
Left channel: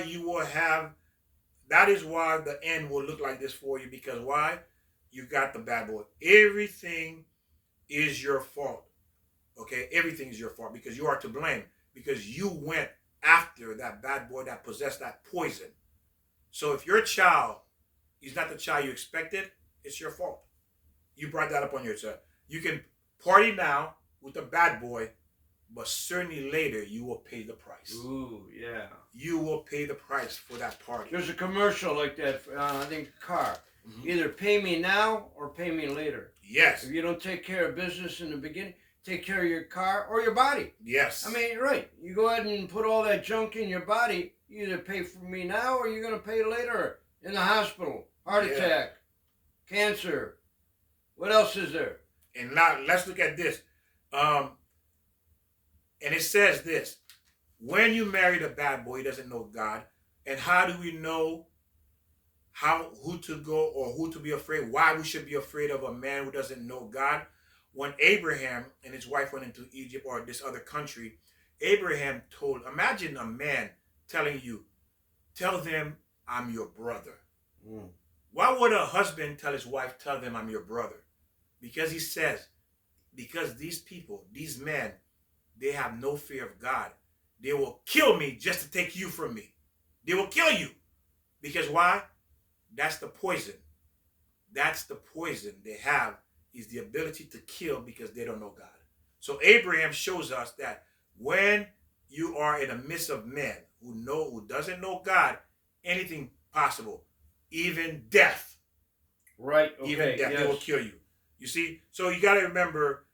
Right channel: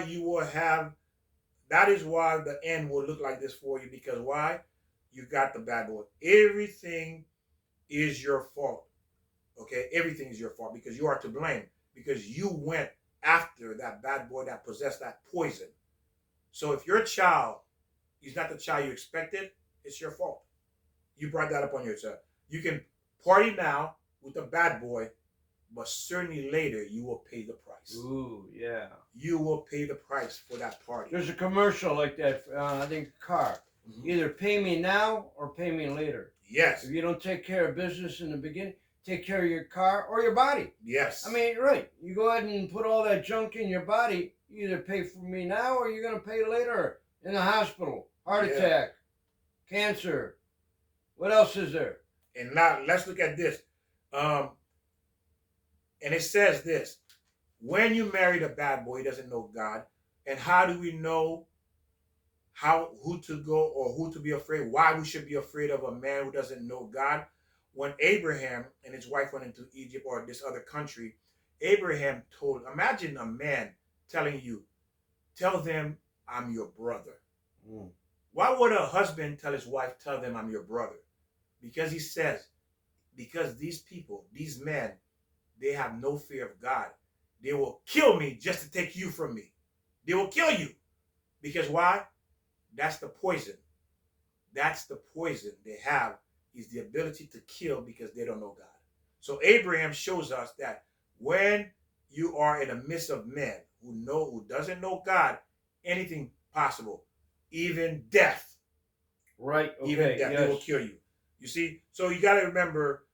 the end will look like this for you. Because why? You got the bad boy. Everything is your fault. Okay? Everything is your fault because you are to blame. Because you went after that bad boy that possessed that poison. So if your child is not the child you expected, it's your fault. You brought that upon yourself. You can party now with the bad boy, but certainly later you will pay the price. Ooh, yeah. You will pay the price for that party. There's a commercial like that, I think, car. Mm-hmm. Either pay me now or pay me later. Yes. If you don't take care of business in the beginning, take care of your car or your body. Yes. I mean, right. You go ahead and put all that junk in your body. You either pay for me now or you're going to pay later in the hospital. Heart attack, cancer. What else is there? And now let's look at this. Um, and it says this: when you marry a bad boy, he doesn't know God. And how do we know who to go or who to be afraid? Why we should be afraid of a man who doesn't know God? When Abraham and his wife went into Egypt or this other country, Abraham told, imagine a man telling you, tell them I'm your brother. Mm. Why would a husband tell his wife, tell them I'm your brother? Because he says, because these people, these men, they have no fear of God. They will kill me just to take you from me. They will kill you. Because why? That's the poison. That's the poison they have, is the ability to kill because they don't know God. So Abraham shows us that when you are in the midst of men who doesn't know God, anything possible, even death. Right. Okay. Even death, yes. They will kill you. You see? So you got to remember,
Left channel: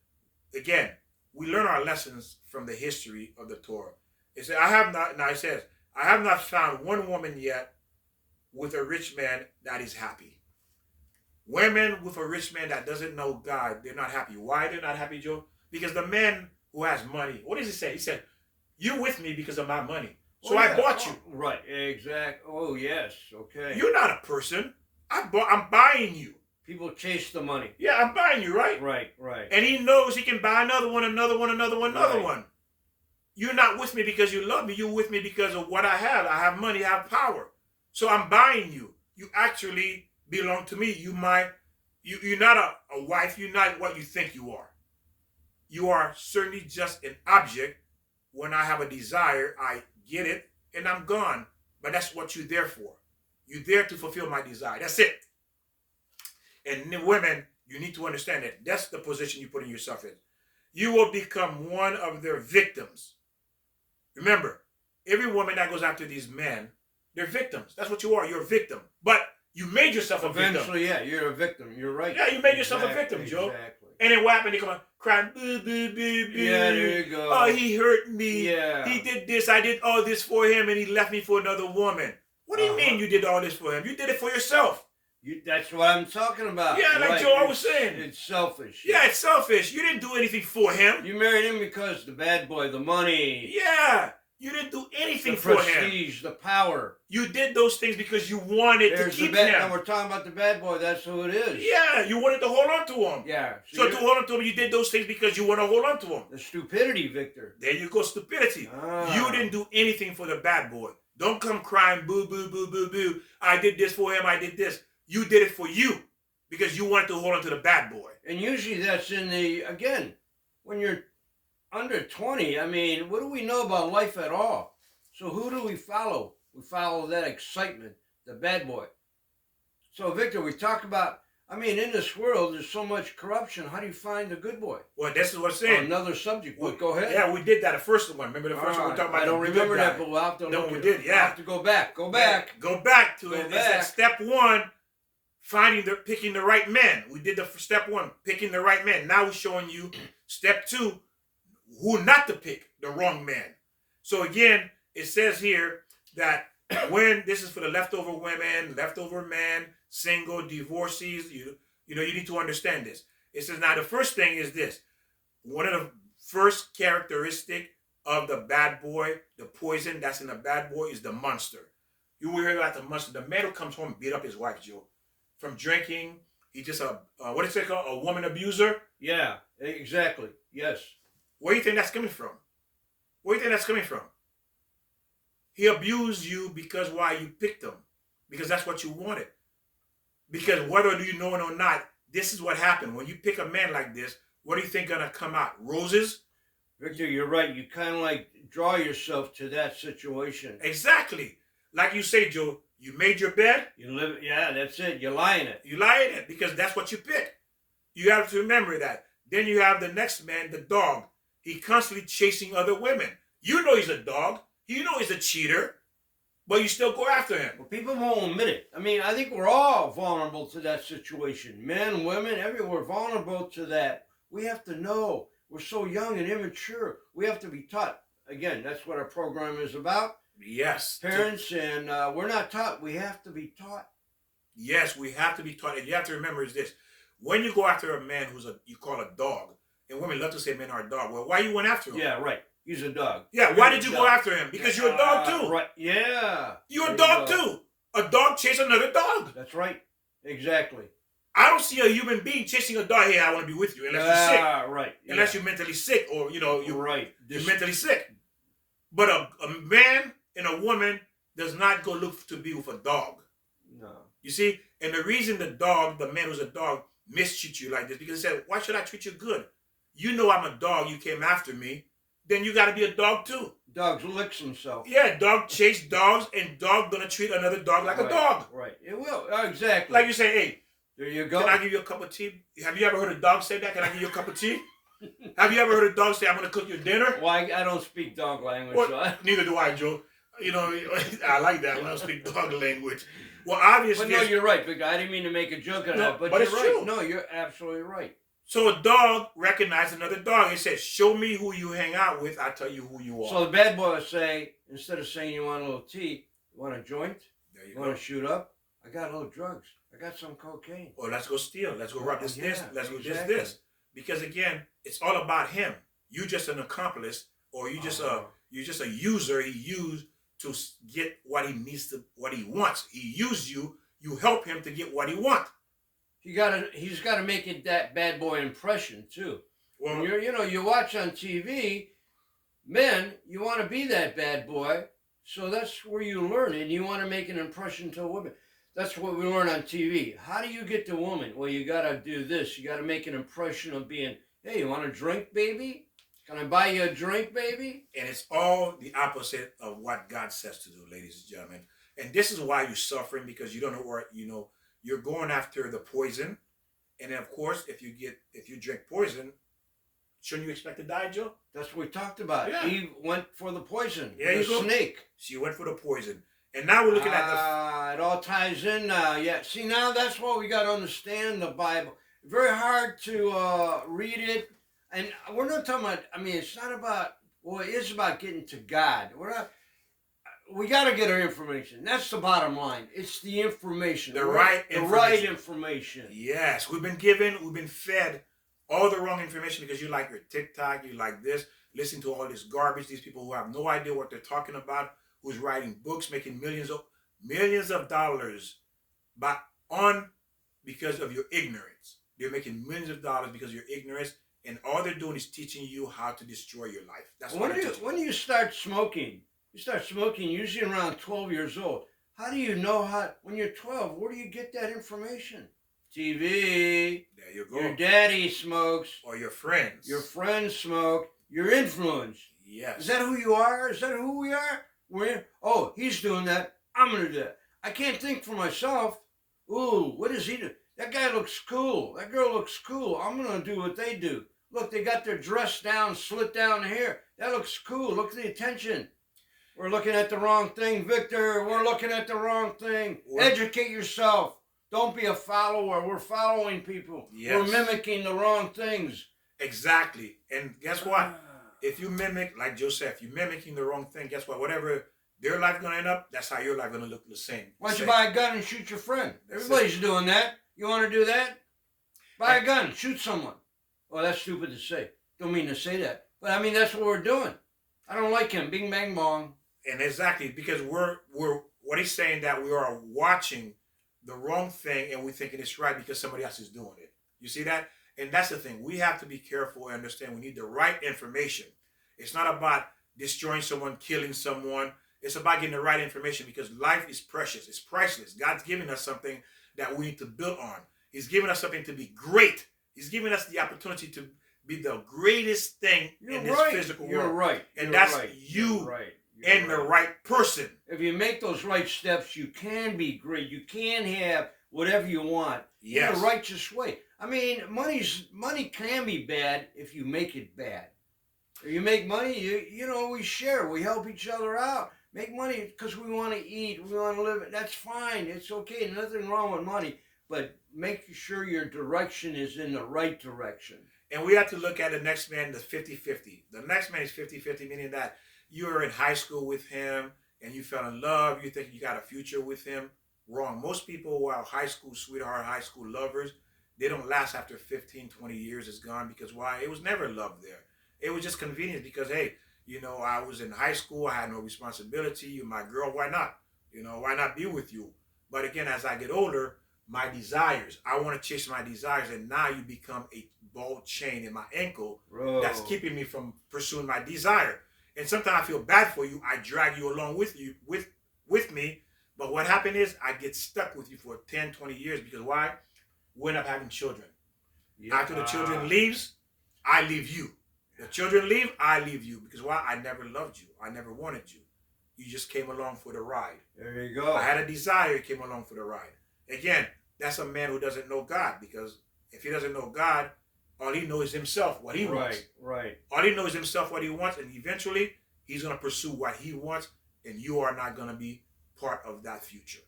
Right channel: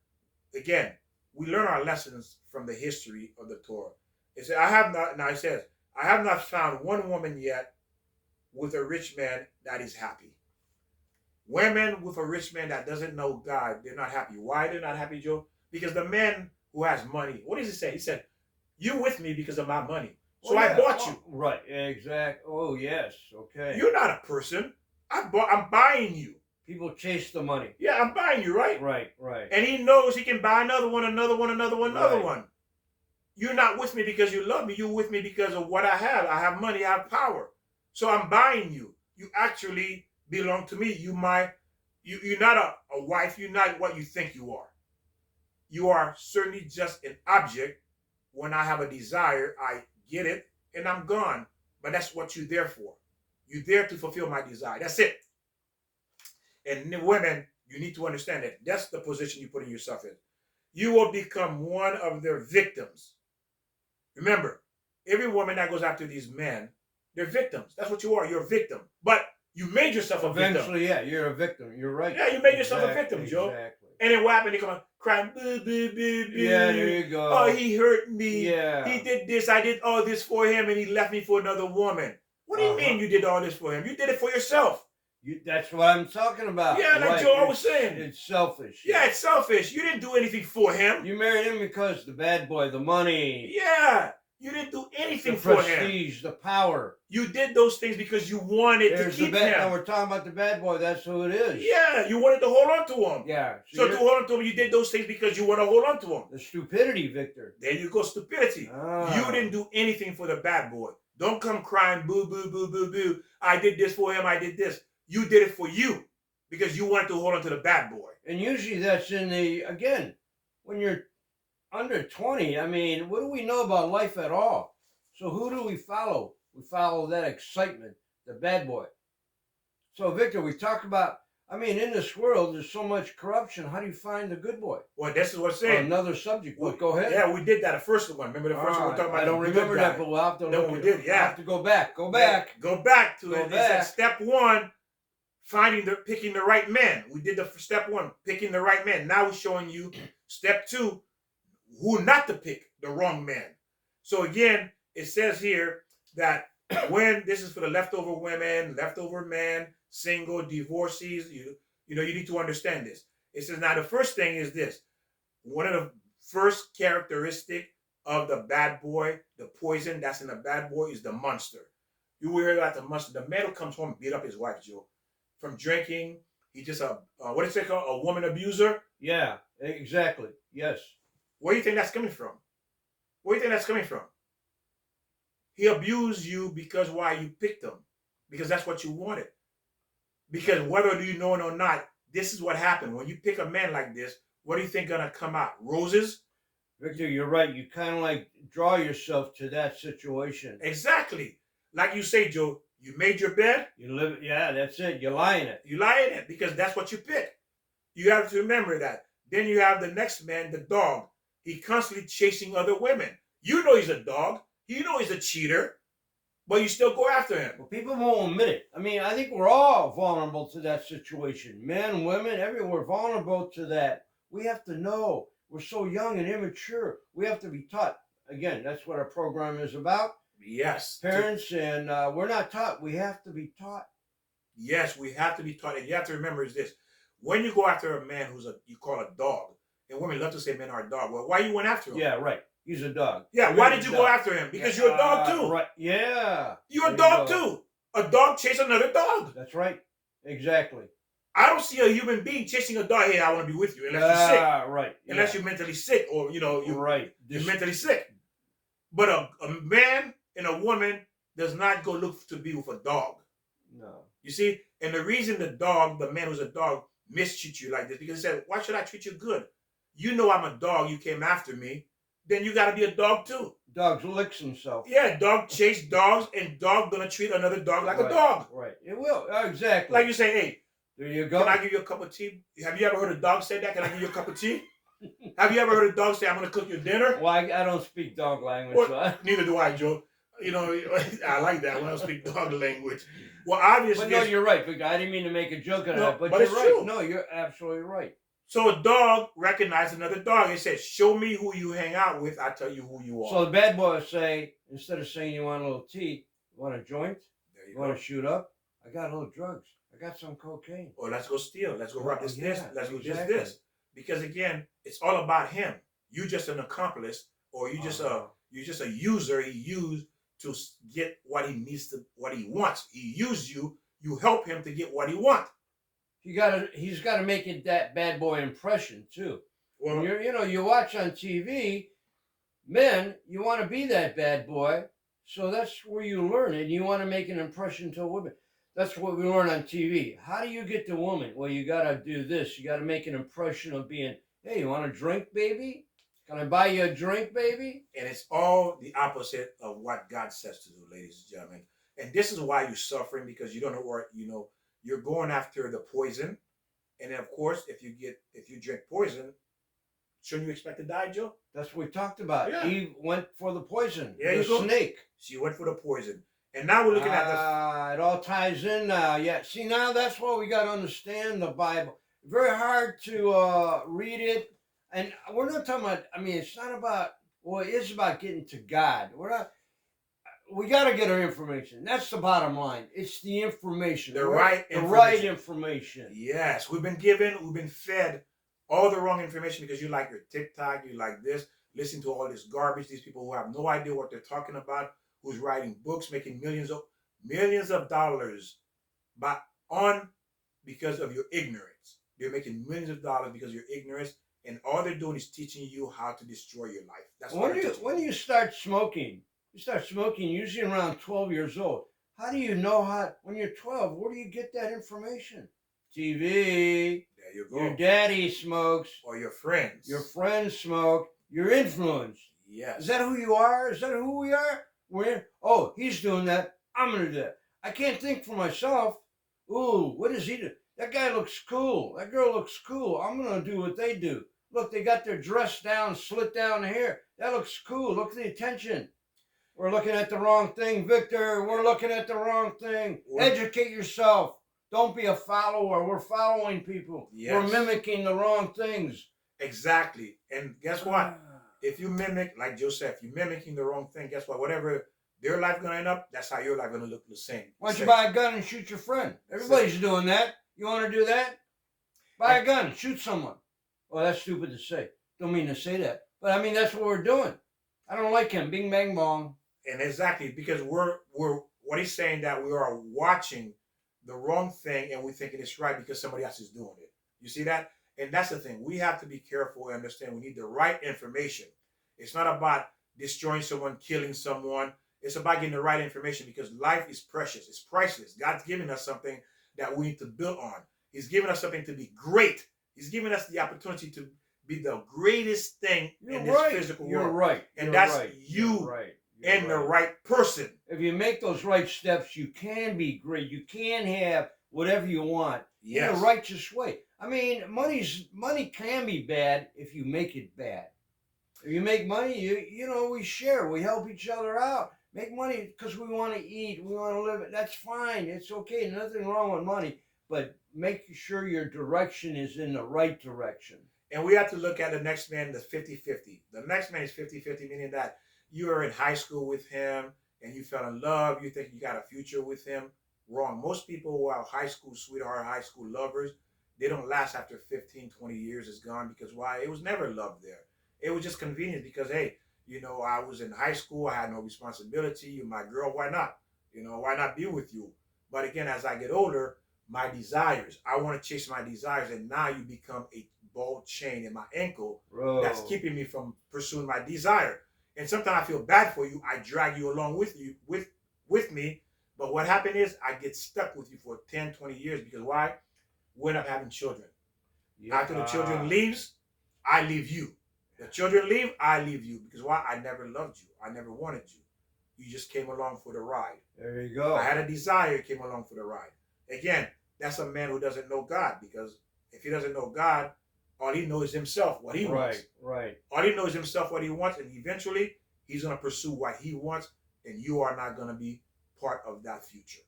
again, we learn our lessons from the history of the Torah. It says, it says, I have not found one woman yet with a rich man that is happy. Women with a rich man that doesn't know God, they're not happy. Why they're not happy, Joe? Because the man who has money, what does he say? He said, you're with me because of my money. So I bought you. Right, exactly. Oh, yes, okay. You're not a person. I'm buying you. People chase the money. Yeah, I'm buying you, right? Right. And he knows he can buy another one. You're not with me because you love me. You're with me because of what I have. I have money, I have power. So I'm buying you. You actually belong to me. You're not a wife. You're not what you think you are. You are certainly just an object. When I have a desire, I get it and I'm gone. But that's what you're there for. You're there to fulfill my desire. That's it. And women, you need to understand that that's the position you're putting yourself in. You will become one of their victims. Remember, every woman that goes after these men, they're victims. That's what you are. You're a victim. But you made yourself a victim. Eventually, yeah, you're a victim. You're right. Yeah, you made yourself a victim, Joe. Exactly. And then what happened? They come on crying, boo, boo, boo, boo. Yeah, there you go. Oh, he hurt me. Yeah. He did this. I did all this for him, and he left me for another woman. What do you mean you did all this for him? You did it for yourself. That's what I'm talking about. Yeah, like Joe always saying. It's selfish. Yeah, it's selfish. You didn't do anything for him. You married him because the bad boy, the money. Yeah. You didn't do anything for him. The prestige, the power. You did those things because you wanted to keep him. Now we're talking about the bad boy. That's who it is. Yeah, you wanted to hold on to him. Yeah. So to hold on to him, you did those things because you want to hold on to him. The stupidity, Victor. There you go, stupidity. You didn't do anything for the bad boy. Don't come crying, boo, boo, boo, boo, boo. I did this for him. I did this. You did it for you because you wanted to hold on to the bad boy. And usually that's again, when you're under 20, I mean, what do we know about life at all? So who do we follow? We follow that excitement, the bad boy. So, Victor, we talk about, I mean, in this world, there's so much corruption. How do you find the good boy? Well, this is what I'm saying. Another subject. Well, go ahead. Yeah, we did that, the first one. Remember the first one we talked about? I don't remember that, but we'll have to look. We did, yeah. We'll have to go back. Go back. Go back to it. Back. Step one, picking the right men. We did the step one, picking the right men. Now we're showing you step two, who not to pick, the wrong man. So again, it says here that when this is for the leftover women, leftover men, single, divorcees, you need to understand this. It says now the first thing is this. One of the first characteristic of the bad boy, the poison that's in the bad boy, is the monster. You will hear about the monster. The man who comes home and beat up his wife, Joe, from drinking. He's just what is it called? A woman abuser? Yeah, exactly. Yes. Where do you think that's coming from? Where do you think that's coming from? He abused you because why you picked him. Because that's what you wanted. Because whether you know it or not, this is what happened. When you pick a man like this, what do you think gonna come out? Roses? Victor, you're right. You kind of like draw yourself to that situation. Exactly. Like you say, Joe, you made your bed. You live, yeah, that's it. You lie in it. You lie in it because that's what you pick. You have to remember that. Then you have the next man, the dog. He constantly chasing other women. You know he's a dog. You know he's a cheater, but you still go after him. Well, people won't admit it. I mean, I think we're all vulnerable to that situation. Men, women, everyone, vulnerable to that. We have to know. We're so young and immature. We have to be taught. Again, that's what our program is about. Yes. Parents, and we're not taught. We have to be taught. Yes, we have to be taught. And you have to remember is this. When you go after a man you call a dog, and women love to say men are a dog. Well, why you went after him? Yeah, right. He's a dog. Yeah, why did you go after him? Because you're a dog too. Right. Yeah. You're a dog too. A dog chase another dog. That's right. Exactly. I don't see a human being chasing a dog. Hey, I want to be with you. Unless you're sick. Right. Unless you're mentally sick, or you're right. You're mentally sick. But a man and a woman does not go look to be with a dog. No. You see, and the reason the man who's a dog, mistreat you like this, because he said, "Why should I treat you good? You know I'm a dog. You came after me. Then you got to be a dog too." Dogs licks himself. Yeah, dog chase dogs, and dog gonna treat another dog like a dog. Right. It will. Exactly. Like you say, hey, there you go. Can I give you a cup of tea? Have you ever heard a dog say that? Can I give you a cup of tea? Have you ever heard a dog say, "I'm gonna cook your dinner"? Well, I don't speak dog language. Well, so neither do I, Joe. I like that when I speak dog language. Well, obviously. But no, you're right, Victor. I didn't mean to make a joke of that, but you're it's right. true. No, you're absolutely right. So a dog recognized another dog and said, "Show me who you hang out with. I'll tell you who you are." So the bad boy would say, instead of saying you want a little tea, you want a joint? There you want to shoot up? I got a little drugs. I got some cocaine. Or let's go steal. Let's go rob this. Let's go exactly. this. Because again, it's all about him. You just an accomplice, or you just you're just a user. He used to get what he needs to, what he wants. He used you. You help him to get what he wants. He's got to make it that bad boy impression too. Well, when you watch on TV, men, you want to be that bad boy, so that's where you learn, and you want to make an impression to women. That's what we learn on TV. How do you get to women? Well, you got to do this. You got to make an impression of being, hey, you want a drink, baby? Can I buy you a drink, baby? And it's all the opposite of what God says to do, ladies and gentlemen. And this is why you're suffering, because you don't know where, you're going after the poison. And then, of course, if you drink poison, shouldn't you expect to die, Joe? That's what we talked about. Yeah. Eve went for the poison. Yeah, the snake. She went for the poison. And now we're looking at it all ties in now. Yeah. See, now that's what we got to understand the Bible. Very hard to read it. And we're not talking about, it's not about, well, it is about getting to God. We got to get our information. That's the bottom line. It's the information. The right information. Yes. We've been fed all the wrong information because you like your TikTok, you like this, listen to all this garbage, these people who have no idea what they're talking about, who's writing books, making millions of dollars because of your ignorance. They're making millions of dollars because of your ignorance, and all they're doing is teaching you how to destroy your life. That's when you start smoking. You start smoking usually around 12 years old. How do you know when you're 12, where do you get that information? TV. There you go. Your daddy smokes. Or your friends. Your friends smoke. Your influence. Yes. Is that who you are? Is that who we are? He's doing that. I'm going to do that. I can't think for myself. Ooh, what is he doing? That guy looks cool. That girl looks cool. I'm going to do what they do. Look, they got their dress down, slit down hair. That looks cool. Look at the attention. We're looking at the wrong thing, Victor. We're looking at the wrong thing. Educate yourself. Don't be a follower. We're following people. Yes. We're mimicking the wrong things. Exactly. And guess what? If you mimic, like Joseph, you're mimicking the wrong thing, guess what? Whatever their life going to end up, that's how your life going to look the same. Why don't you buy a gun and shoot your friend? Everybody's doing that. You want to do that? Buy a gun, shoot someone. Oh, that's stupid to say. Don't mean to say that. But that's what we're doing. I don't like him. Bing, bang, bong. And exactly, because we're what he's saying, that we are watching the wrong thing and we're thinking it's right because somebody else is doing it. You see that? And that's the thing. We have to be careful and understand we need the right information. It's not about destroying someone, killing someone. It's about getting the right information, because life is precious. It's priceless. God's giving us something that we need to build on. He's giving us something to be great. He's giving us the opportunity to be the greatest thing in this physical world. You're right. And that's you and the right person. If you make those right steps, you can be great. You can have whatever you want in a righteous way. Money can be bad if you make it bad. If you make money, we share. We help each other out. Make money because we want to eat. We want to live. That's fine. It's okay. Nothing wrong with money. But make sure your direction is in the right direction. And we have to look at the next man, the 50-50. The next man is 50-50, meaning that you were in high school with him and you fell in love. You think you got a future with him. Wrong. Most people who are high school sweetheart, high school lovers, they don't last after 15, 20 years. It's gone because why? It was never love there. It was just convenience because, hey, I was in high school. I had no responsibility. You're my girl. Why not? Why not be with you? But again, as I get older, my desires, I want to chase my desires. And now you become a ball chain in my ankle that's Bro. keeping me from pursuing my desire. And sometimes I feel bad for you. I drag you along with you, with me. But what happened is I get stuck with you for 10, 20 years because why? We end up having children. Yeah. After the children leaves, I leave you. The children leave, I leave you. Because why? I never loved you. I never wanted you. You just came along for the ride. There you go. I had a desire, came along for the ride. Again, that's a man who doesn't know God. Because if he doesn't know God, all he knows is himself, what he wants. Right. All he knows is himself, what he wants. And eventually, he's going to pursue what he wants. And you are not going to be part of that future.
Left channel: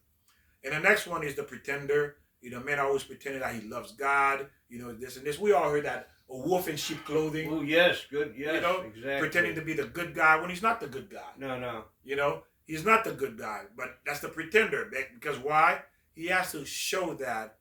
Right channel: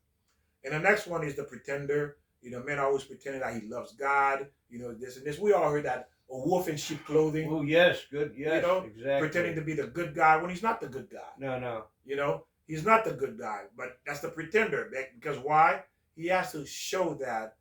And the next one is the pretender. Men are always pretending that he loves God. This and this. We all heard that, a wolf in sheep clothing. Oh, yes. Good. Yes, exactly. Pretending to be the good guy when he's not the good guy. No. He's not the good guy. But that's the pretender. Because why? He has to show that.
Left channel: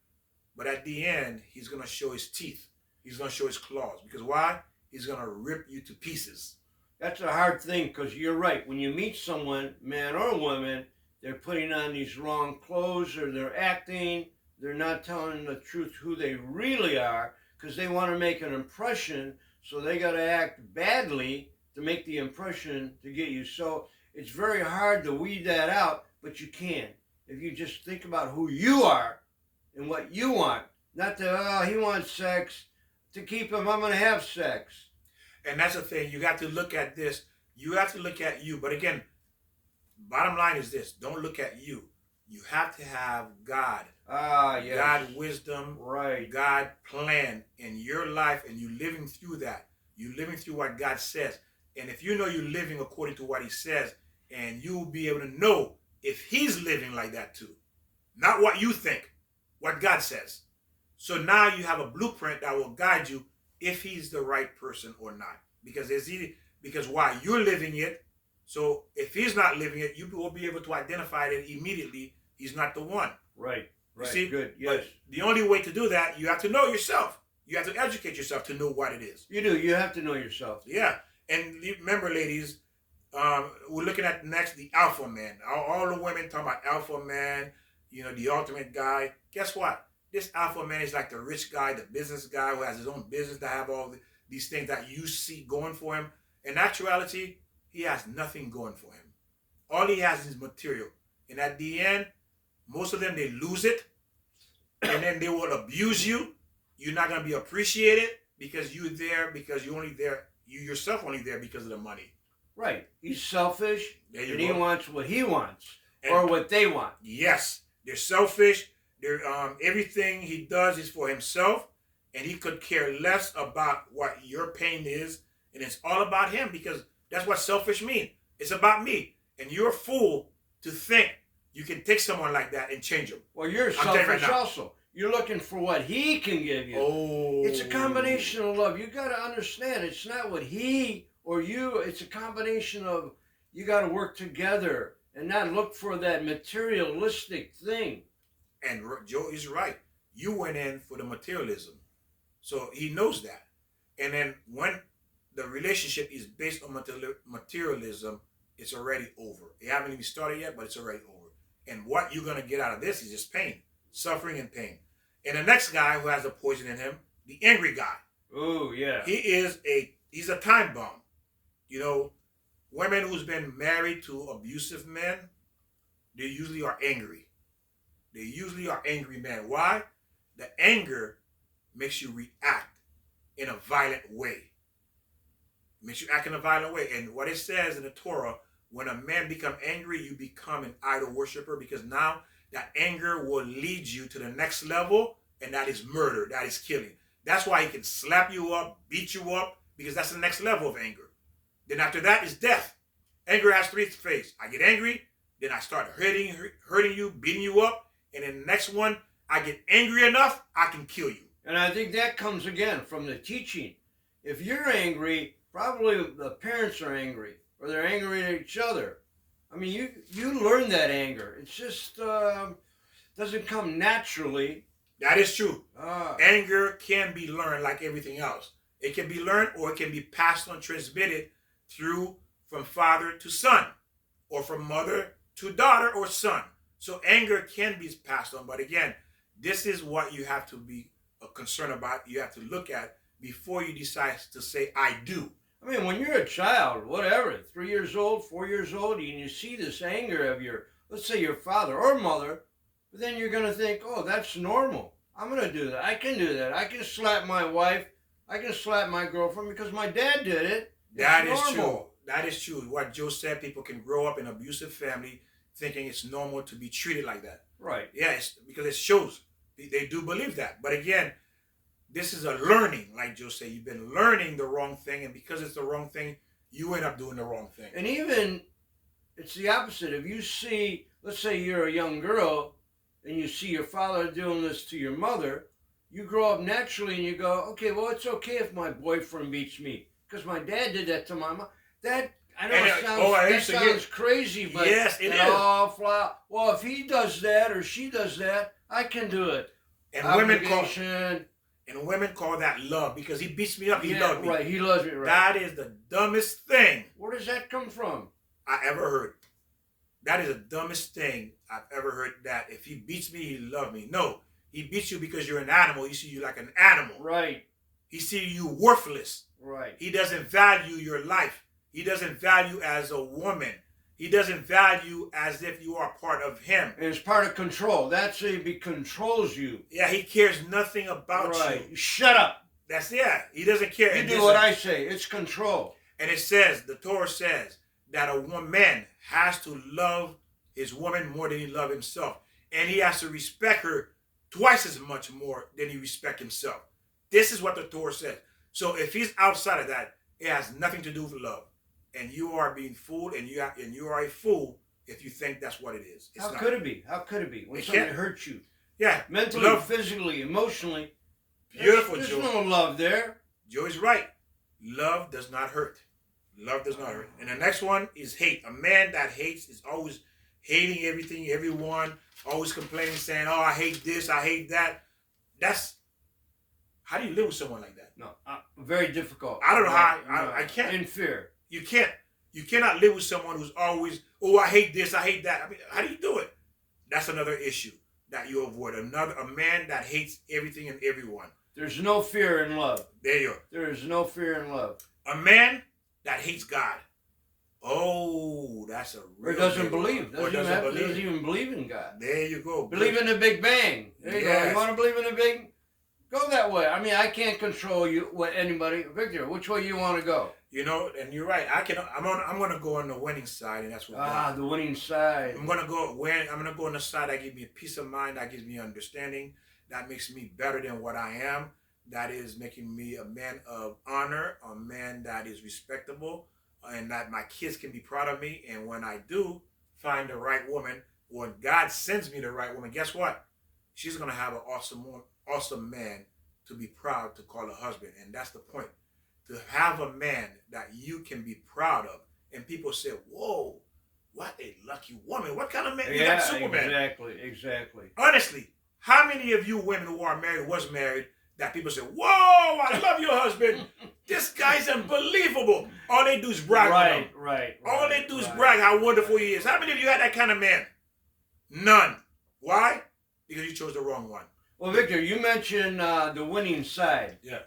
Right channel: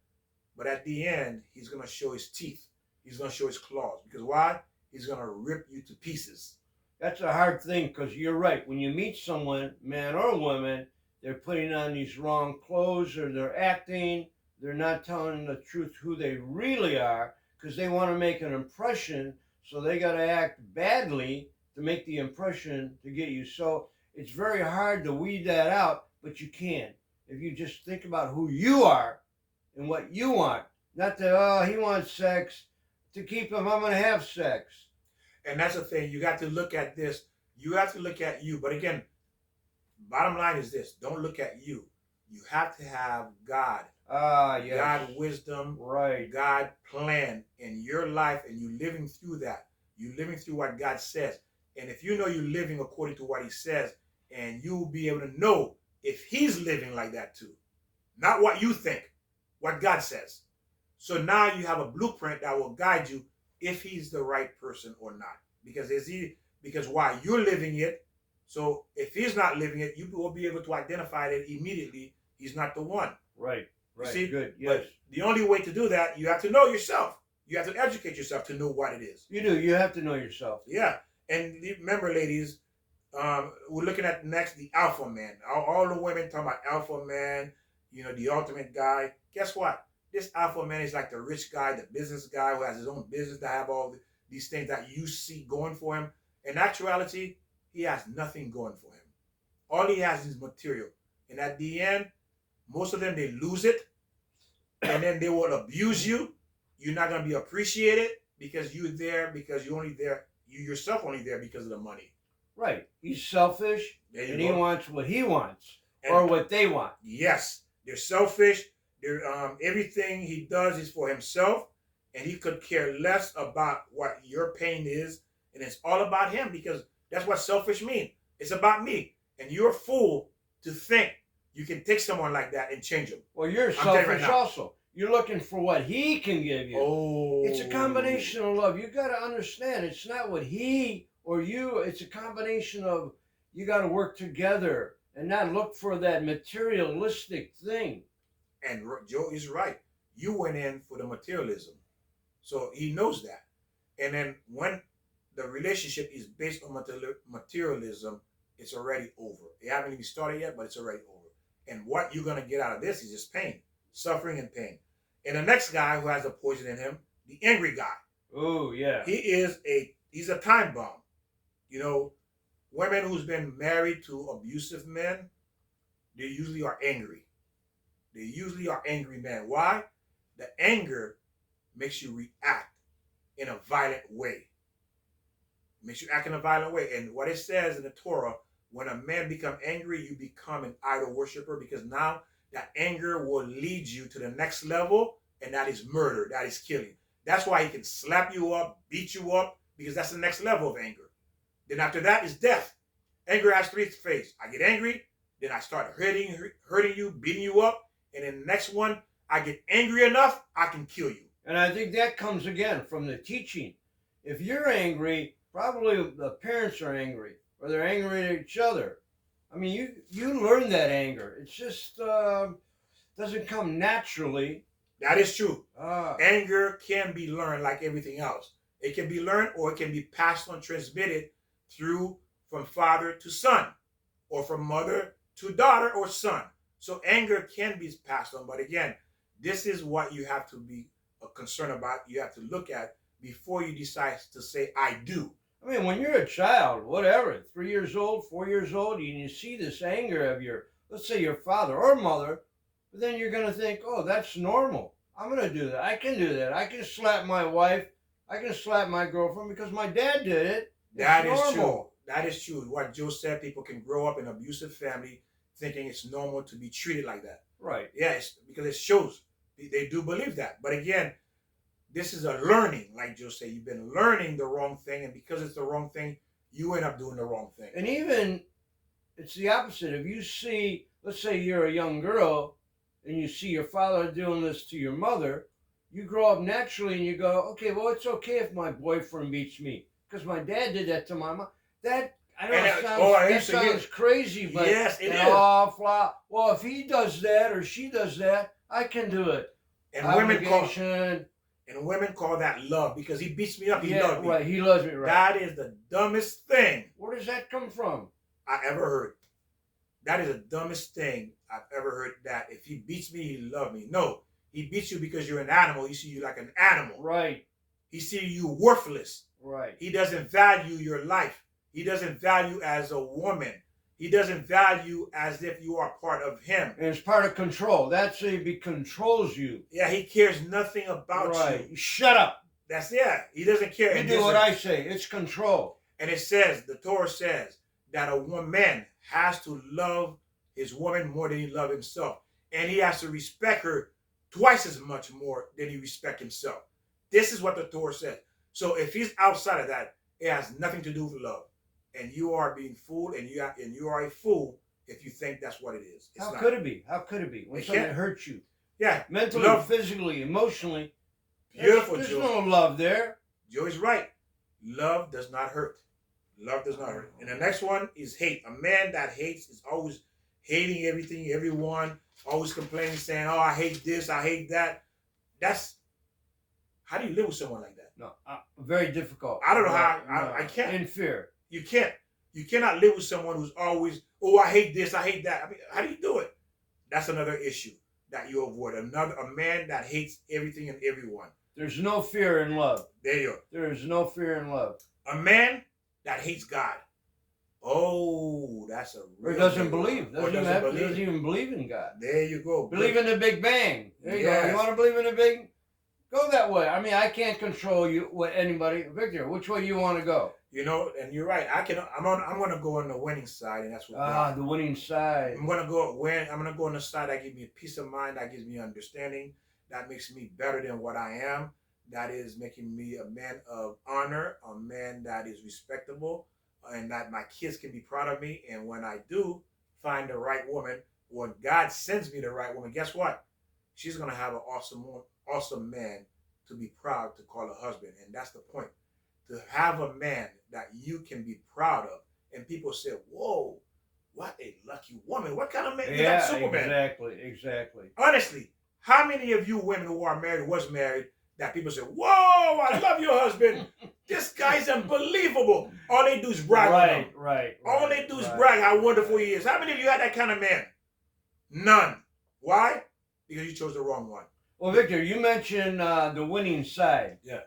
But at the end, he's going to show his teeth. He's going to show his claws. Because why? He's going to rip you to pieces. That's a hard thing because you're right. When you meet someone, man or woman, they're putting on these wrong clothes or they're acting. They're not telling the truth who they really are because they want to make an impression. So they got to act badly to make the impression to get you. So it's very hard to weed that out, but you can. If you just think about who you are and what you want. Not that, he wants sex. To keep him, I'm going to have sex. And that's the thing. You got to look at this. You have to look at you. But again, bottom line is this. Don't look at you. You have to have God. Yes. God wisdom. Right. God plan in your life and you living through that. You living through what God says. And if you know you're living according to what he says, and you'll be able to know if he's living like that too. Not what you think. What God says. So now you have a blueprint that will guide you if he's the right person or not. Because why? You're living it. So if he's not living it, you will be able to identify it immediately. He's not the one. Right. See? Good. Yes. But the only way to do that, you have to know yourself. You have to educate yourself to know what it is. You do. You have to know yourself. Yeah. And remember, ladies, we're looking at next the alpha man. All the women talking about alpha man, the ultimate guy. Guess what? This alpha man is like the rich guy, the business guy who has his own business to have all these things that you see going for him. In actuality, he has nothing going for him. All he has is material. And at the end, most of them, they lose it. And then they will abuse you. You're not going to be appreciated because you're there because you yourself only there because of the money. Right. He's selfish and he wants what he wants and, or what they want. Yes. They're selfish. Everything he does is for himself, and he could care less about what your pain is, and it's all about him because that's what selfish means. It's about me, and you're a fool to think you can take someone like that and change him. Well, you're selfish also. You're looking for what he can give you. Oh, it's a combination of love. You got to understand, it's not what he or you. It's a combination of you got to work together and not look for that materialistic thing. And Joe is right. You went in for the materialism. So he knows that. And then when the relationship is based on materialism, it's already over. It haven't even started yet, but it's already over. And what you're going to get out of this is just pain, suffering and pain. And the next guy who has the poison in him, the angry guy. Oh, yeah. He's a time bomb. Women who's been married to abusive men, they usually are angry. They usually are angry men. Why? The anger makes you react in a violent way. It makes you act in a violent way. And what it says in the Torah, when a man becomes angry, you become an idol worshiper because now that anger will lead you to the next level, and that is murder, that is killing. That's why he can slap you up, beat you up, because that's the next level of anger. Then after that is death. Anger has three phases. I get angry, then I start hurting you, beating you up, and then the next one, I get angry enough, I can kill you. And I think that comes again from the teaching. If you're angry, probably the parents are angry, or they're angry at each other. I mean, you learn that anger. It's just doesn't come naturally. That is true. Ah. Anger can be learned like everything else. It can be learned or it can be passed on, transmitted through from father to son or from mother to daughter or son. So anger can be passed on. But again, this is what you have to be concerned about. You have to look at before you decide to say, I do. I mean, when you're a child, whatever, 3 years old, 4 years old, and you see this anger of your, let's say your father or mother, but then you're going to think, oh, that's normal. I'm going to do that. I can do that. I can slap my wife. I can slap my girlfriend because my dad did it. That is true. That is true. What Joe said, people can grow up in an abusive family thinking it's normal to be treated like that. Right. Yes, because it shows. They do believe that. But again, this is a learning, like Joe said. You've been learning the wrong thing, and because it's the wrong thing, you end up doing the wrong thing. And even, it's the opposite. If you see, let's say you're a young girl, and you see your father doing this to your mother, you grow up naturally and you go, okay, well, it's okay if my boyfriend beats me because my dad did that to my mom. That, I know it sounds crazy, but yes, it is. Well, if he does that or she does that, I can do it. And women call that love because he beats me up. He loves me. Right. He loves me. Right. That is the dumbest thing. Where does that come from? I ever heard. That is the dumbest thing I've ever heard. That if he beats me, he loves me. No, he beats you because you're an animal. He sees you like an animal. Right. He sees you worthless. Right. He doesn't value your life. He doesn't value as a woman. He doesn't value as if you are part of him. And it's part of control. That's if he controls you. Yeah, he cares nothing about you. Shut up. That's He doesn't care. You do what I say. It's control. And it says, the Torah says that a man has to love his woman more than he loves himself. And he has to respect her twice as much more than he respects himself. This is what the Torah says. So if he's outside of that, it has nothing to do with love. And you are being fooled, and you are a fool if you think that's what it is. How could it be? How could it be? When something hurts you. Yeah. Mentally, physically, emotionally. Beautiful, There's Joe. no love there. Joey's right. Love does not hurt. Love does not hurt. And the next one is hate. A man that hates is always hating everything, everyone, always complaining, saying, oh, I hate this, I hate that. How do you live with someone like that? No, very difficult. I don't know how. I can't. In fear. You can't. You cannot live with someone who's always, oh, I hate this, I hate that. I mean, how do you do it? That's another issue that you avoid. A man that hates everything and everyone. There's no fear in love. There you go. There is no fear in love. A man that hates God. Oh, that's a real Or doesn't believe. Doesn't even believe in God. There you go. Believe in the Big Bang. There you go. You want to believe in the Big? Go that way. I mean, I can't control you. Anybody, Victor? Which way you want to go? You know, and you're right. I'm going to go on the winning side, and that's what. The winning side. I'm going to go on the side that gives me peace of mind, that gives me understanding, that makes me better than what I am. That is making me a man of honor, a man that is respectable, and that my kids can be proud of me. And when I do find the right woman, when God sends me the right woman, guess what? She's going to have an awesome man to be proud to call a husband. And that's the point. To have a man that you can be proud of. And people say, whoa, what a lucky woman. What kind of man is that Superman? Exactly. Honestly, how many of you women who are married, was married, that people say, whoa, I love your husband. This guy's unbelievable. All they do is brag on him. Right. All they do is brag how wonderful he is. How many of you had that kind of man? None. Why? Because you chose the wrong one. Well, Victor, you mentioned the winning side. Yeah.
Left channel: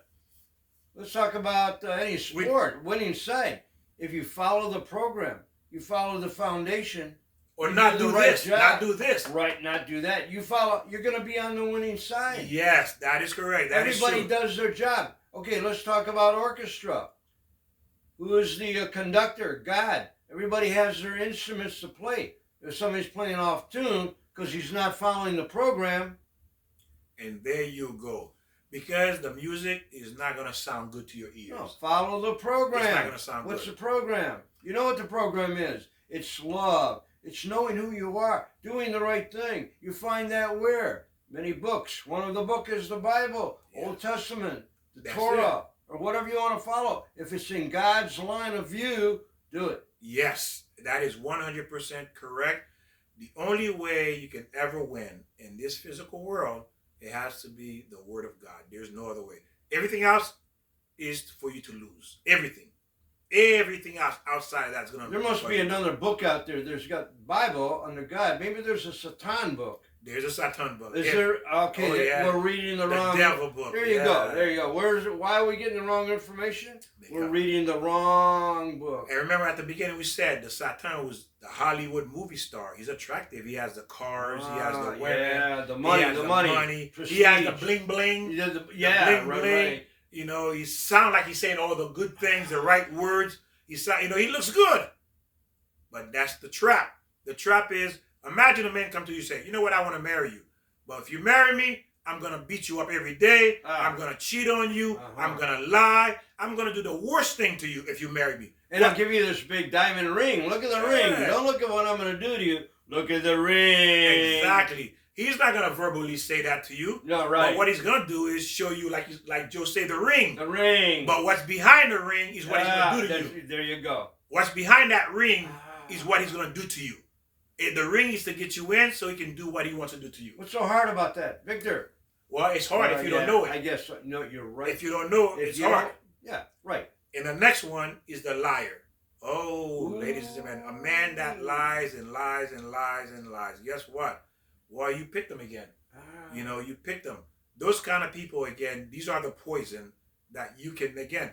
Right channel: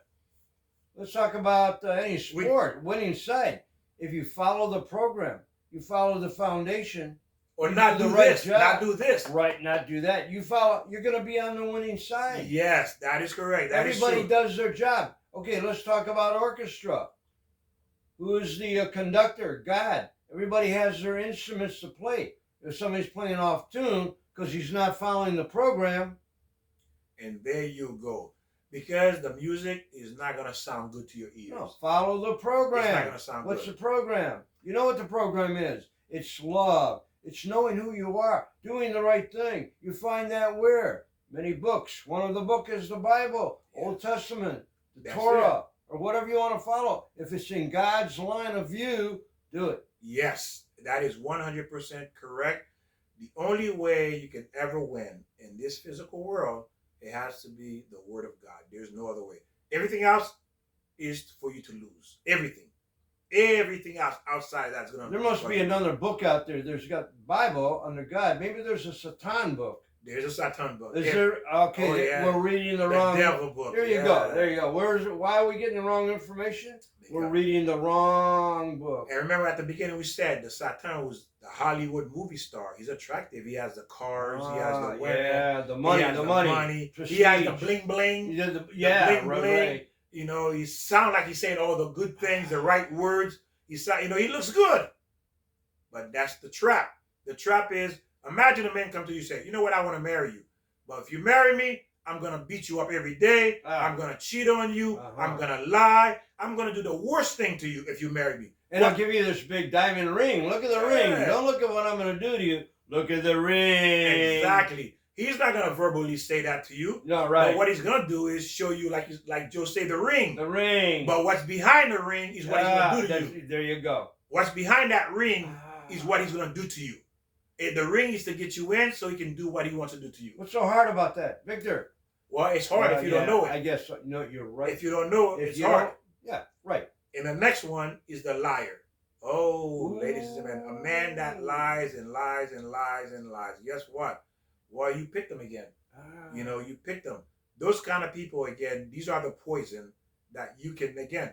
Let's talk about any sport, winning side. If you follow the program, you follow the foundation. Or not do this, not do this. Right, not do that. You follow, you're going to be on the winning side. Yes, that is correct. Everybody does their job. Okay, let's talk about orchestra. Who is the conductor? God. Everybody has their instruments to play. If somebody's playing off tune because he's not following the program. And there you go. Because the music is not going to sound good to your ears. No, follow the program. It's not going to sound What's good. the program? You know what the program is. It's love. It's knowing who you are, doing the right thing. You find that where? Many books. One of the books is the Bible, Old Testament, the Torah, or whatever you want to follow. If it's in God's line of view, do it. Yes, that is 100% correct. The only way you can ever win in this physical world It has to be the word of God. There's no other way. Everything else is for you to lose. Everything. Everything else outside of that's going to. There must be another book out there. There's got Bible under God. Maybe there's a Satan book. There's a Satan book. Is there? Okay, Oh, yeah. we're reading the wrong. Devil book. There you go. There you go. Where is it? Why are we getting the wrong information? We're reading the wrong book. And remember, at the beginning, we said the Satan was the Hollywood movie star. He's attractive. He has the cars. He has the women. Yeah, the money. He has the money. He has the bling bling. Yeah, right. You know, he sounds like he's saying all the good things, the right words. He looks good. But that's the trap. The trap is, imagine a man come to you and say, you know what, I want to marry you. But if you marry me, I'm going to beat you up every day. I'm going to cheat on you. I'm going to lie. I'm going to do the worst thing to you if you marry me. And I'll give you this big diamond ring. Look at the ring. Don't look at what I'm going to do to you. Look at the ring. Exactly. He's not going to verbally say that to you. No, right. But what he's going to do is show you, like Joe said, the ring. The ring. But what's behind the ring is what he's going to do to you. There you go. What's behind that ring is what he's going to do to you. The ring is to get you in so he can do what he wants to do to you. What's so hard about that, Victor? Well, it's hard if you don't know it. I guess no, you're right. If you don't know it, it's hard. Yeah, right. And the next one is the liar. Oh, ooh. Ladies and gentlemen, a man that lies and lies and lies and lies. Guess what? Well, you picked them again. You know, you picked them. Those kind of people, again, these are the poison that you can, again,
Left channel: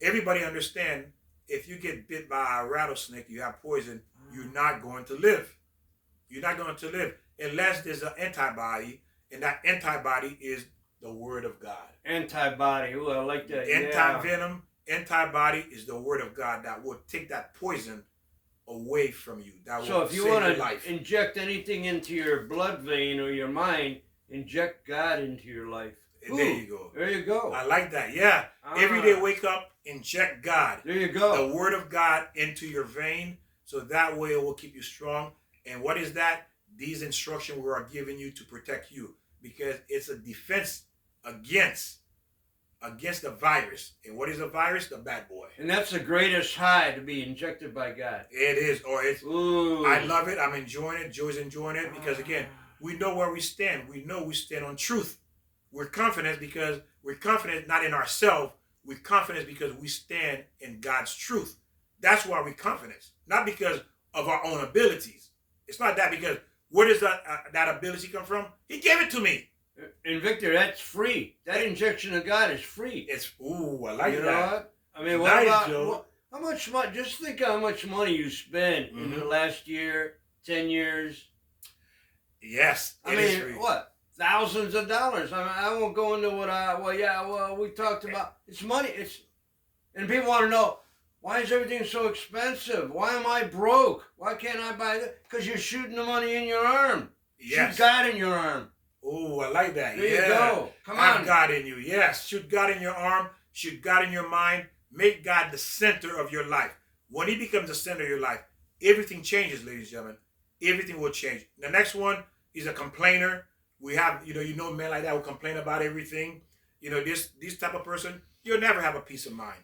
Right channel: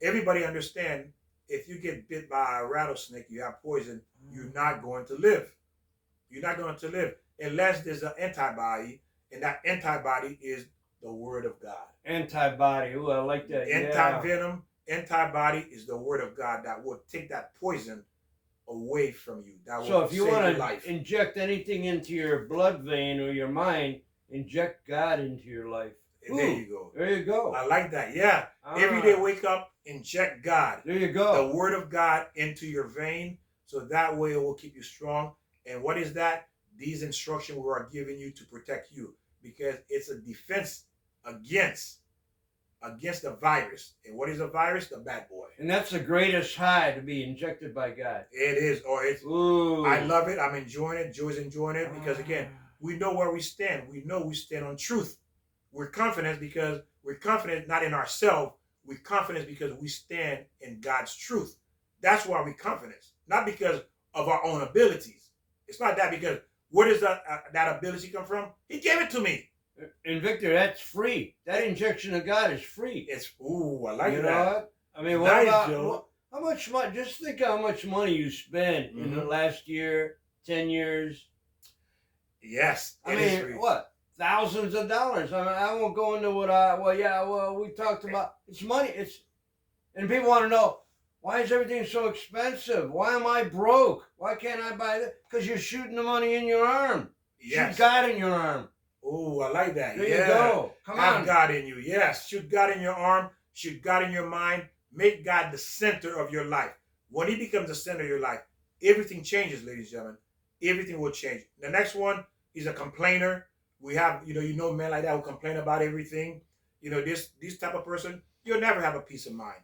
everybody understand, if you get bit by a rattlesnake, you have poison, you're not going to live. You're not going to live unless there's an antibody, and that antibody is the word of God. Antibody. Ooh, I like that. Anti-venom, antibody is the word of God that will take that poison away from you. So if you want to inject anything into your blood vein or your mind, inject God into your life. Ooh, there you go. There you go. I like that. Yeah. Every day wake up, inject God. There you go. The word of God into your vein, so that way it will keep you strong. And what is that? These instructions we are giving you to protect you, because it's a defense against the virus. And what is a virus? The bad boy. And that's the greatest high, to be injected by God. It is. Ooh. I love it. I'm enjoying it. Joy's enjoying it, because again, we know where we stand. We know we stand on truth. We're confident because we're confident not in ourselves. We're confident because we stand in God's truth. That's why we're confident. Not because of our own abilities. It's not that, because where does that ability come from? He gave it to me. And Victor, that's free. That injection of God is free. It's, I like that. You know what? I mean, what about, how much money, just think how much money you spent in the last year, 10 years. Yes. I mean, what? Thousands of dollars. I won't go into what we talked about. It's money. And people want to know, why is everything so expensive? Why am I broke? Why can't I buy that? Because you're shooting the money in your arm. Yes. Shoot God in your arm. Oh, I like that. There you go. Come on. Have God in you. Yes. Shoot God in your arm. Shoot God in your mind. Make God the center of your life. When he becomes the center of your life, everything changes, ladies and gentlemen. Everything will change. The next one is a complainer. We have, you know men like that who complain about everything. This type of person, you'll never have a peace of mind.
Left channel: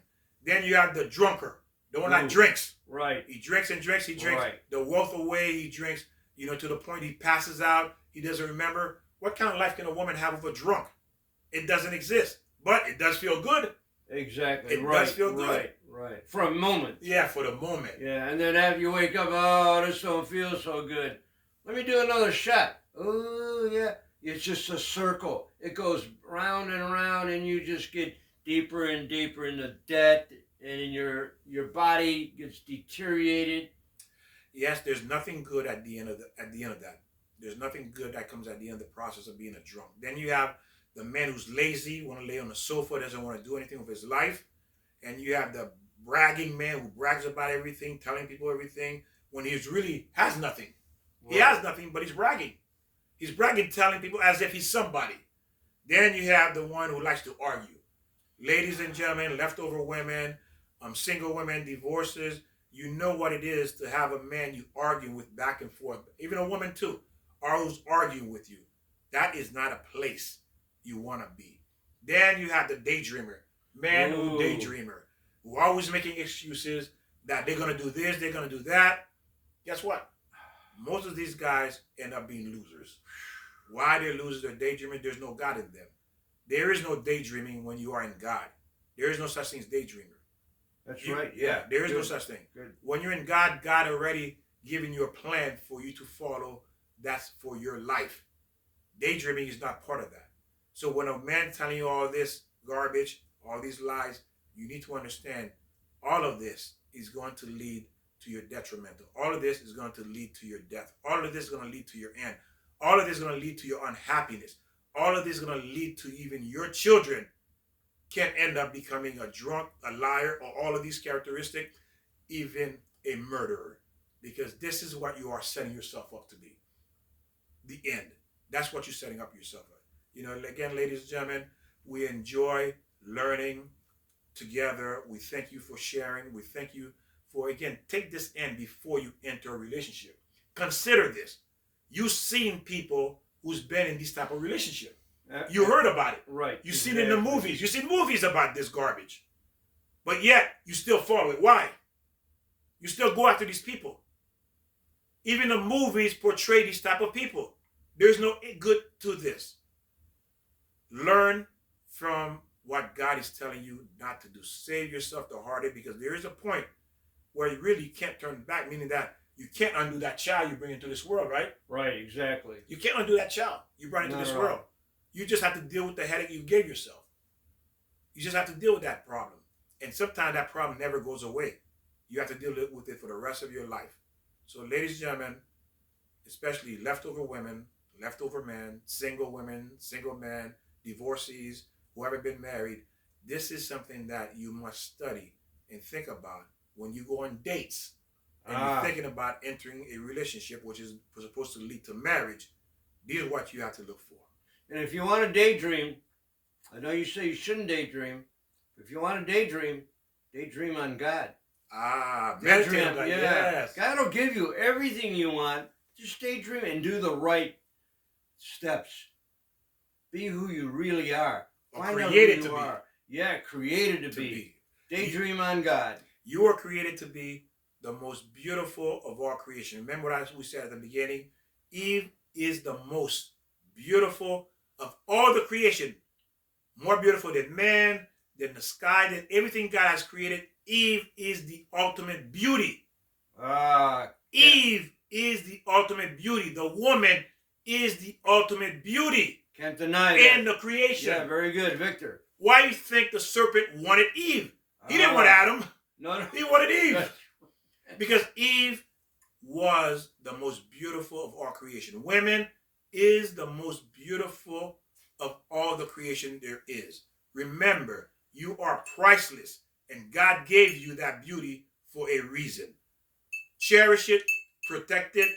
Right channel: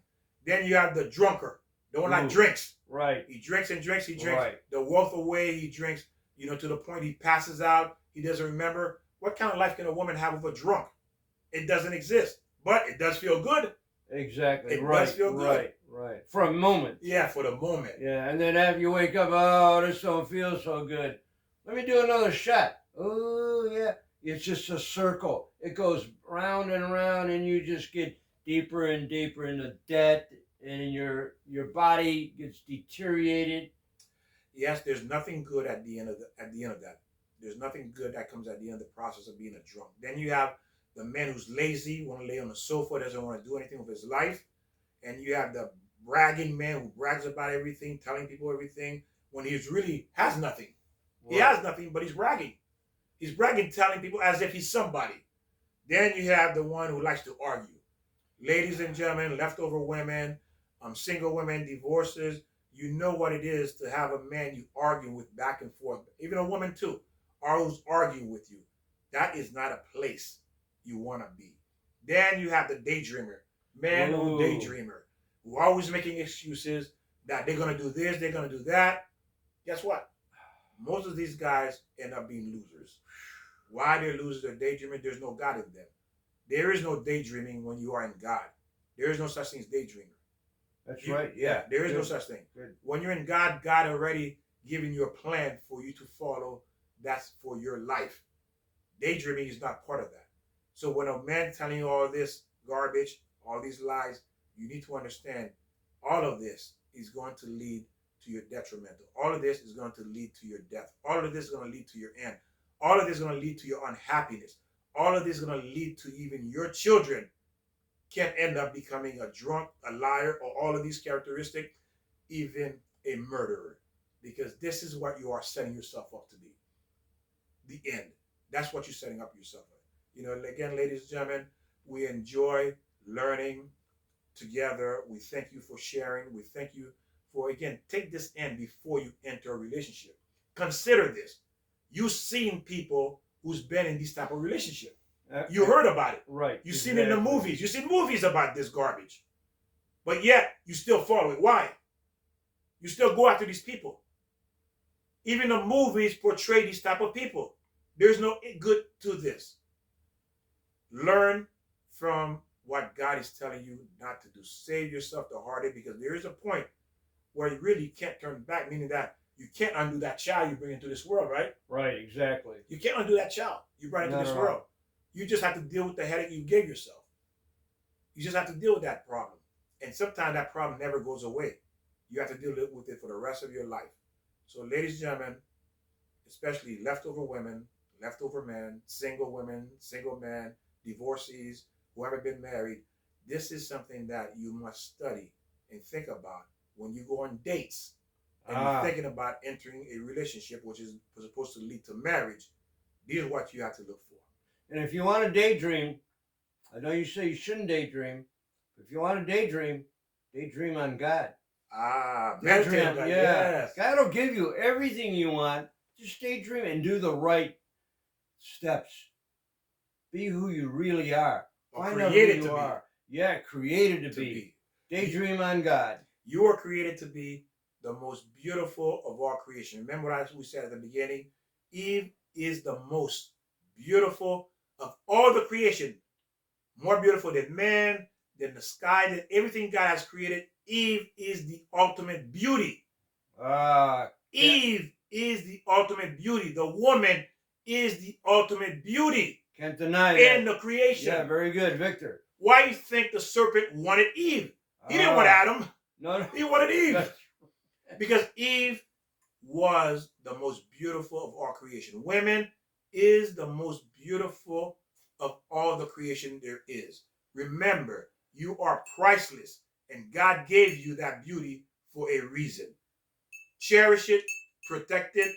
Then you have the drunker, the one that drinks. Right. He drinks and drinks. He drinks right. the wealth away. He drinks, to the point he passes out. He doesn't remember. What kind of life can a woman have with a drunk? It doesn't exist. But it does feel good. Exactly. It does feel good. Right. For a moment. Yeah, for the moment. Yeah, and then after you wake up, oh, this don't feel so good. Let me do another shot. Oh, yeah. It's just a circle. It goes round and around, and you just get deeper and deeper into debt, and in your body gets deteriorated. Yes, there's nothing good at the end of that. There's nothing good that comes at the end of the process of being a drunk. Then you have the man who's lazy, want to lay on the sofa, doesn't want to do anything with his life. And you have the bragging man who brags about everything, telling people everything, when he really has nothing. Right. He has nothing, but he's bragging. He's bragging, telling people as if he's somebody. Then you have the one who likes to argue. Ladies and gentlemen, leftover women, single women, divorces, you know what it is to have a man you argue with back and forth. Even a woman too, who's arguing with you. That is not a place you want to be. Then you have the daydreamer. Man who daydreamer, who always making excuses that they're going to do this, they're going to do that. Guess what? Most of these guys end up being losers. Why they lose their daydreaming? There's no God in them. There is no daydreaming when you are in God. There is no such thing as daydreamer. That's right. Yeah. Yeah, there is Good. no such thing. Good. When you're in God, God already giving you a plan for you to follow. That's for your life. Daydreaming is not part of that. So when a man telling you all this garbage, all these lies, you need to understand all of this is going to lead to your detrimental. All of this is going to lead to your death. All of this is going to lead to your end. All of this is going to lead to your unhappiness. All of this is going to lead to even your children can end up becoming a drunk, a liar, or all of these characteristics, even a murderer. Because this is what you are setting yourself up to be. The end. That's what you're setting up yourself up. You know, again, ladies and gentlemen, we enjoy learning together. We thank you for sharing. We thank you for, again, take this in before you enter a relationship. Consider this. You've seen people who's been in this type of relationship. You heard about it. Right. You've seen it in the movies. You've seen movies about this garbage. But yet, you still follow it. Why? You still go after these people. Even the movies portray these type of people. There's no good to this. Learn from what God is telling you not to do. Save yourself the heartache, because there is a point where you really can't turn back, meaning that you can't undo that child you bring into this world, right? Right, exactly. You can't undo that child you brought into this world. You just have to deal with the headache you gave yourself. You just have to deal with that problem. And sometimes that problem never goes away. You have to deal with it for the rest of your life. So ladies and gentlemen, especially leftover women, leftover men, single women, single men, divorcees, who haven't been married, this is something that you must study and think about when you go on dates and you're thinking about entering a relationship which is supposed to lead to marriage. These are what you have to look for. And if you want to daydream, I know you say you shouldn't daydream, but if you want to daydream on God. Meditate on God. Yes. God will give you everything you want. Just daydream and do the right steps. Be who you really are. Find out who you are. Yeah, created to be. Daydream on God. You are created to be the most beautiful of all creation. Remember what we said at the beginning? Eve is the most beautiful of all the creation. More beautiful than man, than the sky, than everything God has created. Eve is the ultimate beauty. Eve is the ultimate beauty. The woman is the ultimate beauty. Can't deny that. In the creation. Yeah, very good, Victor. Why do you think the serpent wanted Eve? He didn't want Adam. No. He wanted Eve. Because Eve was the most beautiful of all creation. Women is the most beautiful of all the creation there is. Remember, you are priceless, and God gave you that beauty for a reason. Cherish it, protect it,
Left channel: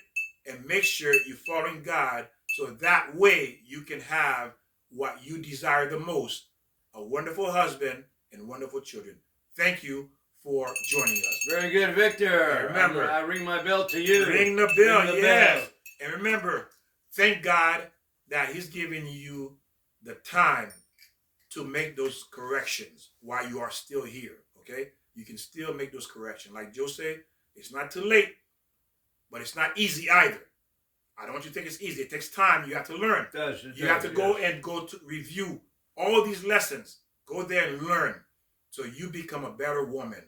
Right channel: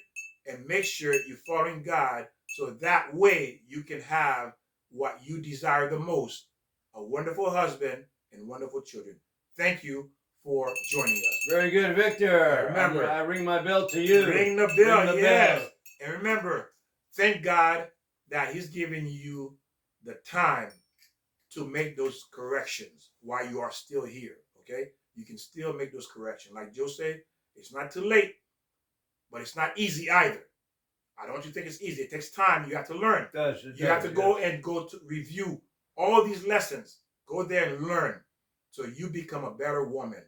and make sure you're following God, so that way you can have what you desire the most, a wonderful husband and wonderful children. Thank you for joining us. Very good, Victor. And remember, I ring my bell to you. Ring the bell, ring the yes. bell. And remember, thank God that He's giving you the time to make those corrections while you are still here, okay? You can still make those corrections. Like Joe said, it's not too late, but it's not easy either. I don't want you to think it's easy. It takes time. You have to learn. It does. You have to go to review all these lessons. Go there and learn so you become a better woman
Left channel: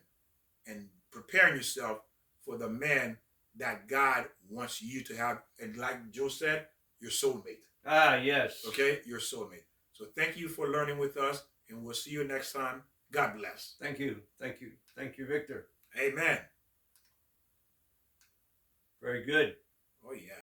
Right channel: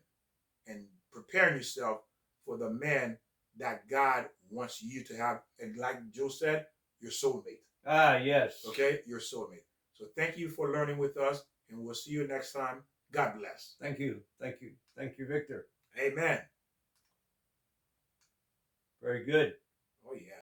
and preparing yourself for the man that God wants you to have. And like Joe said, your soulmate. Yes. Okay? Your soulmate. So thank you for learning with us, and we'll see you next time. God bless. Thank you. Thank you. Thank you, Victor. Amen. Very good. Oh, yeah.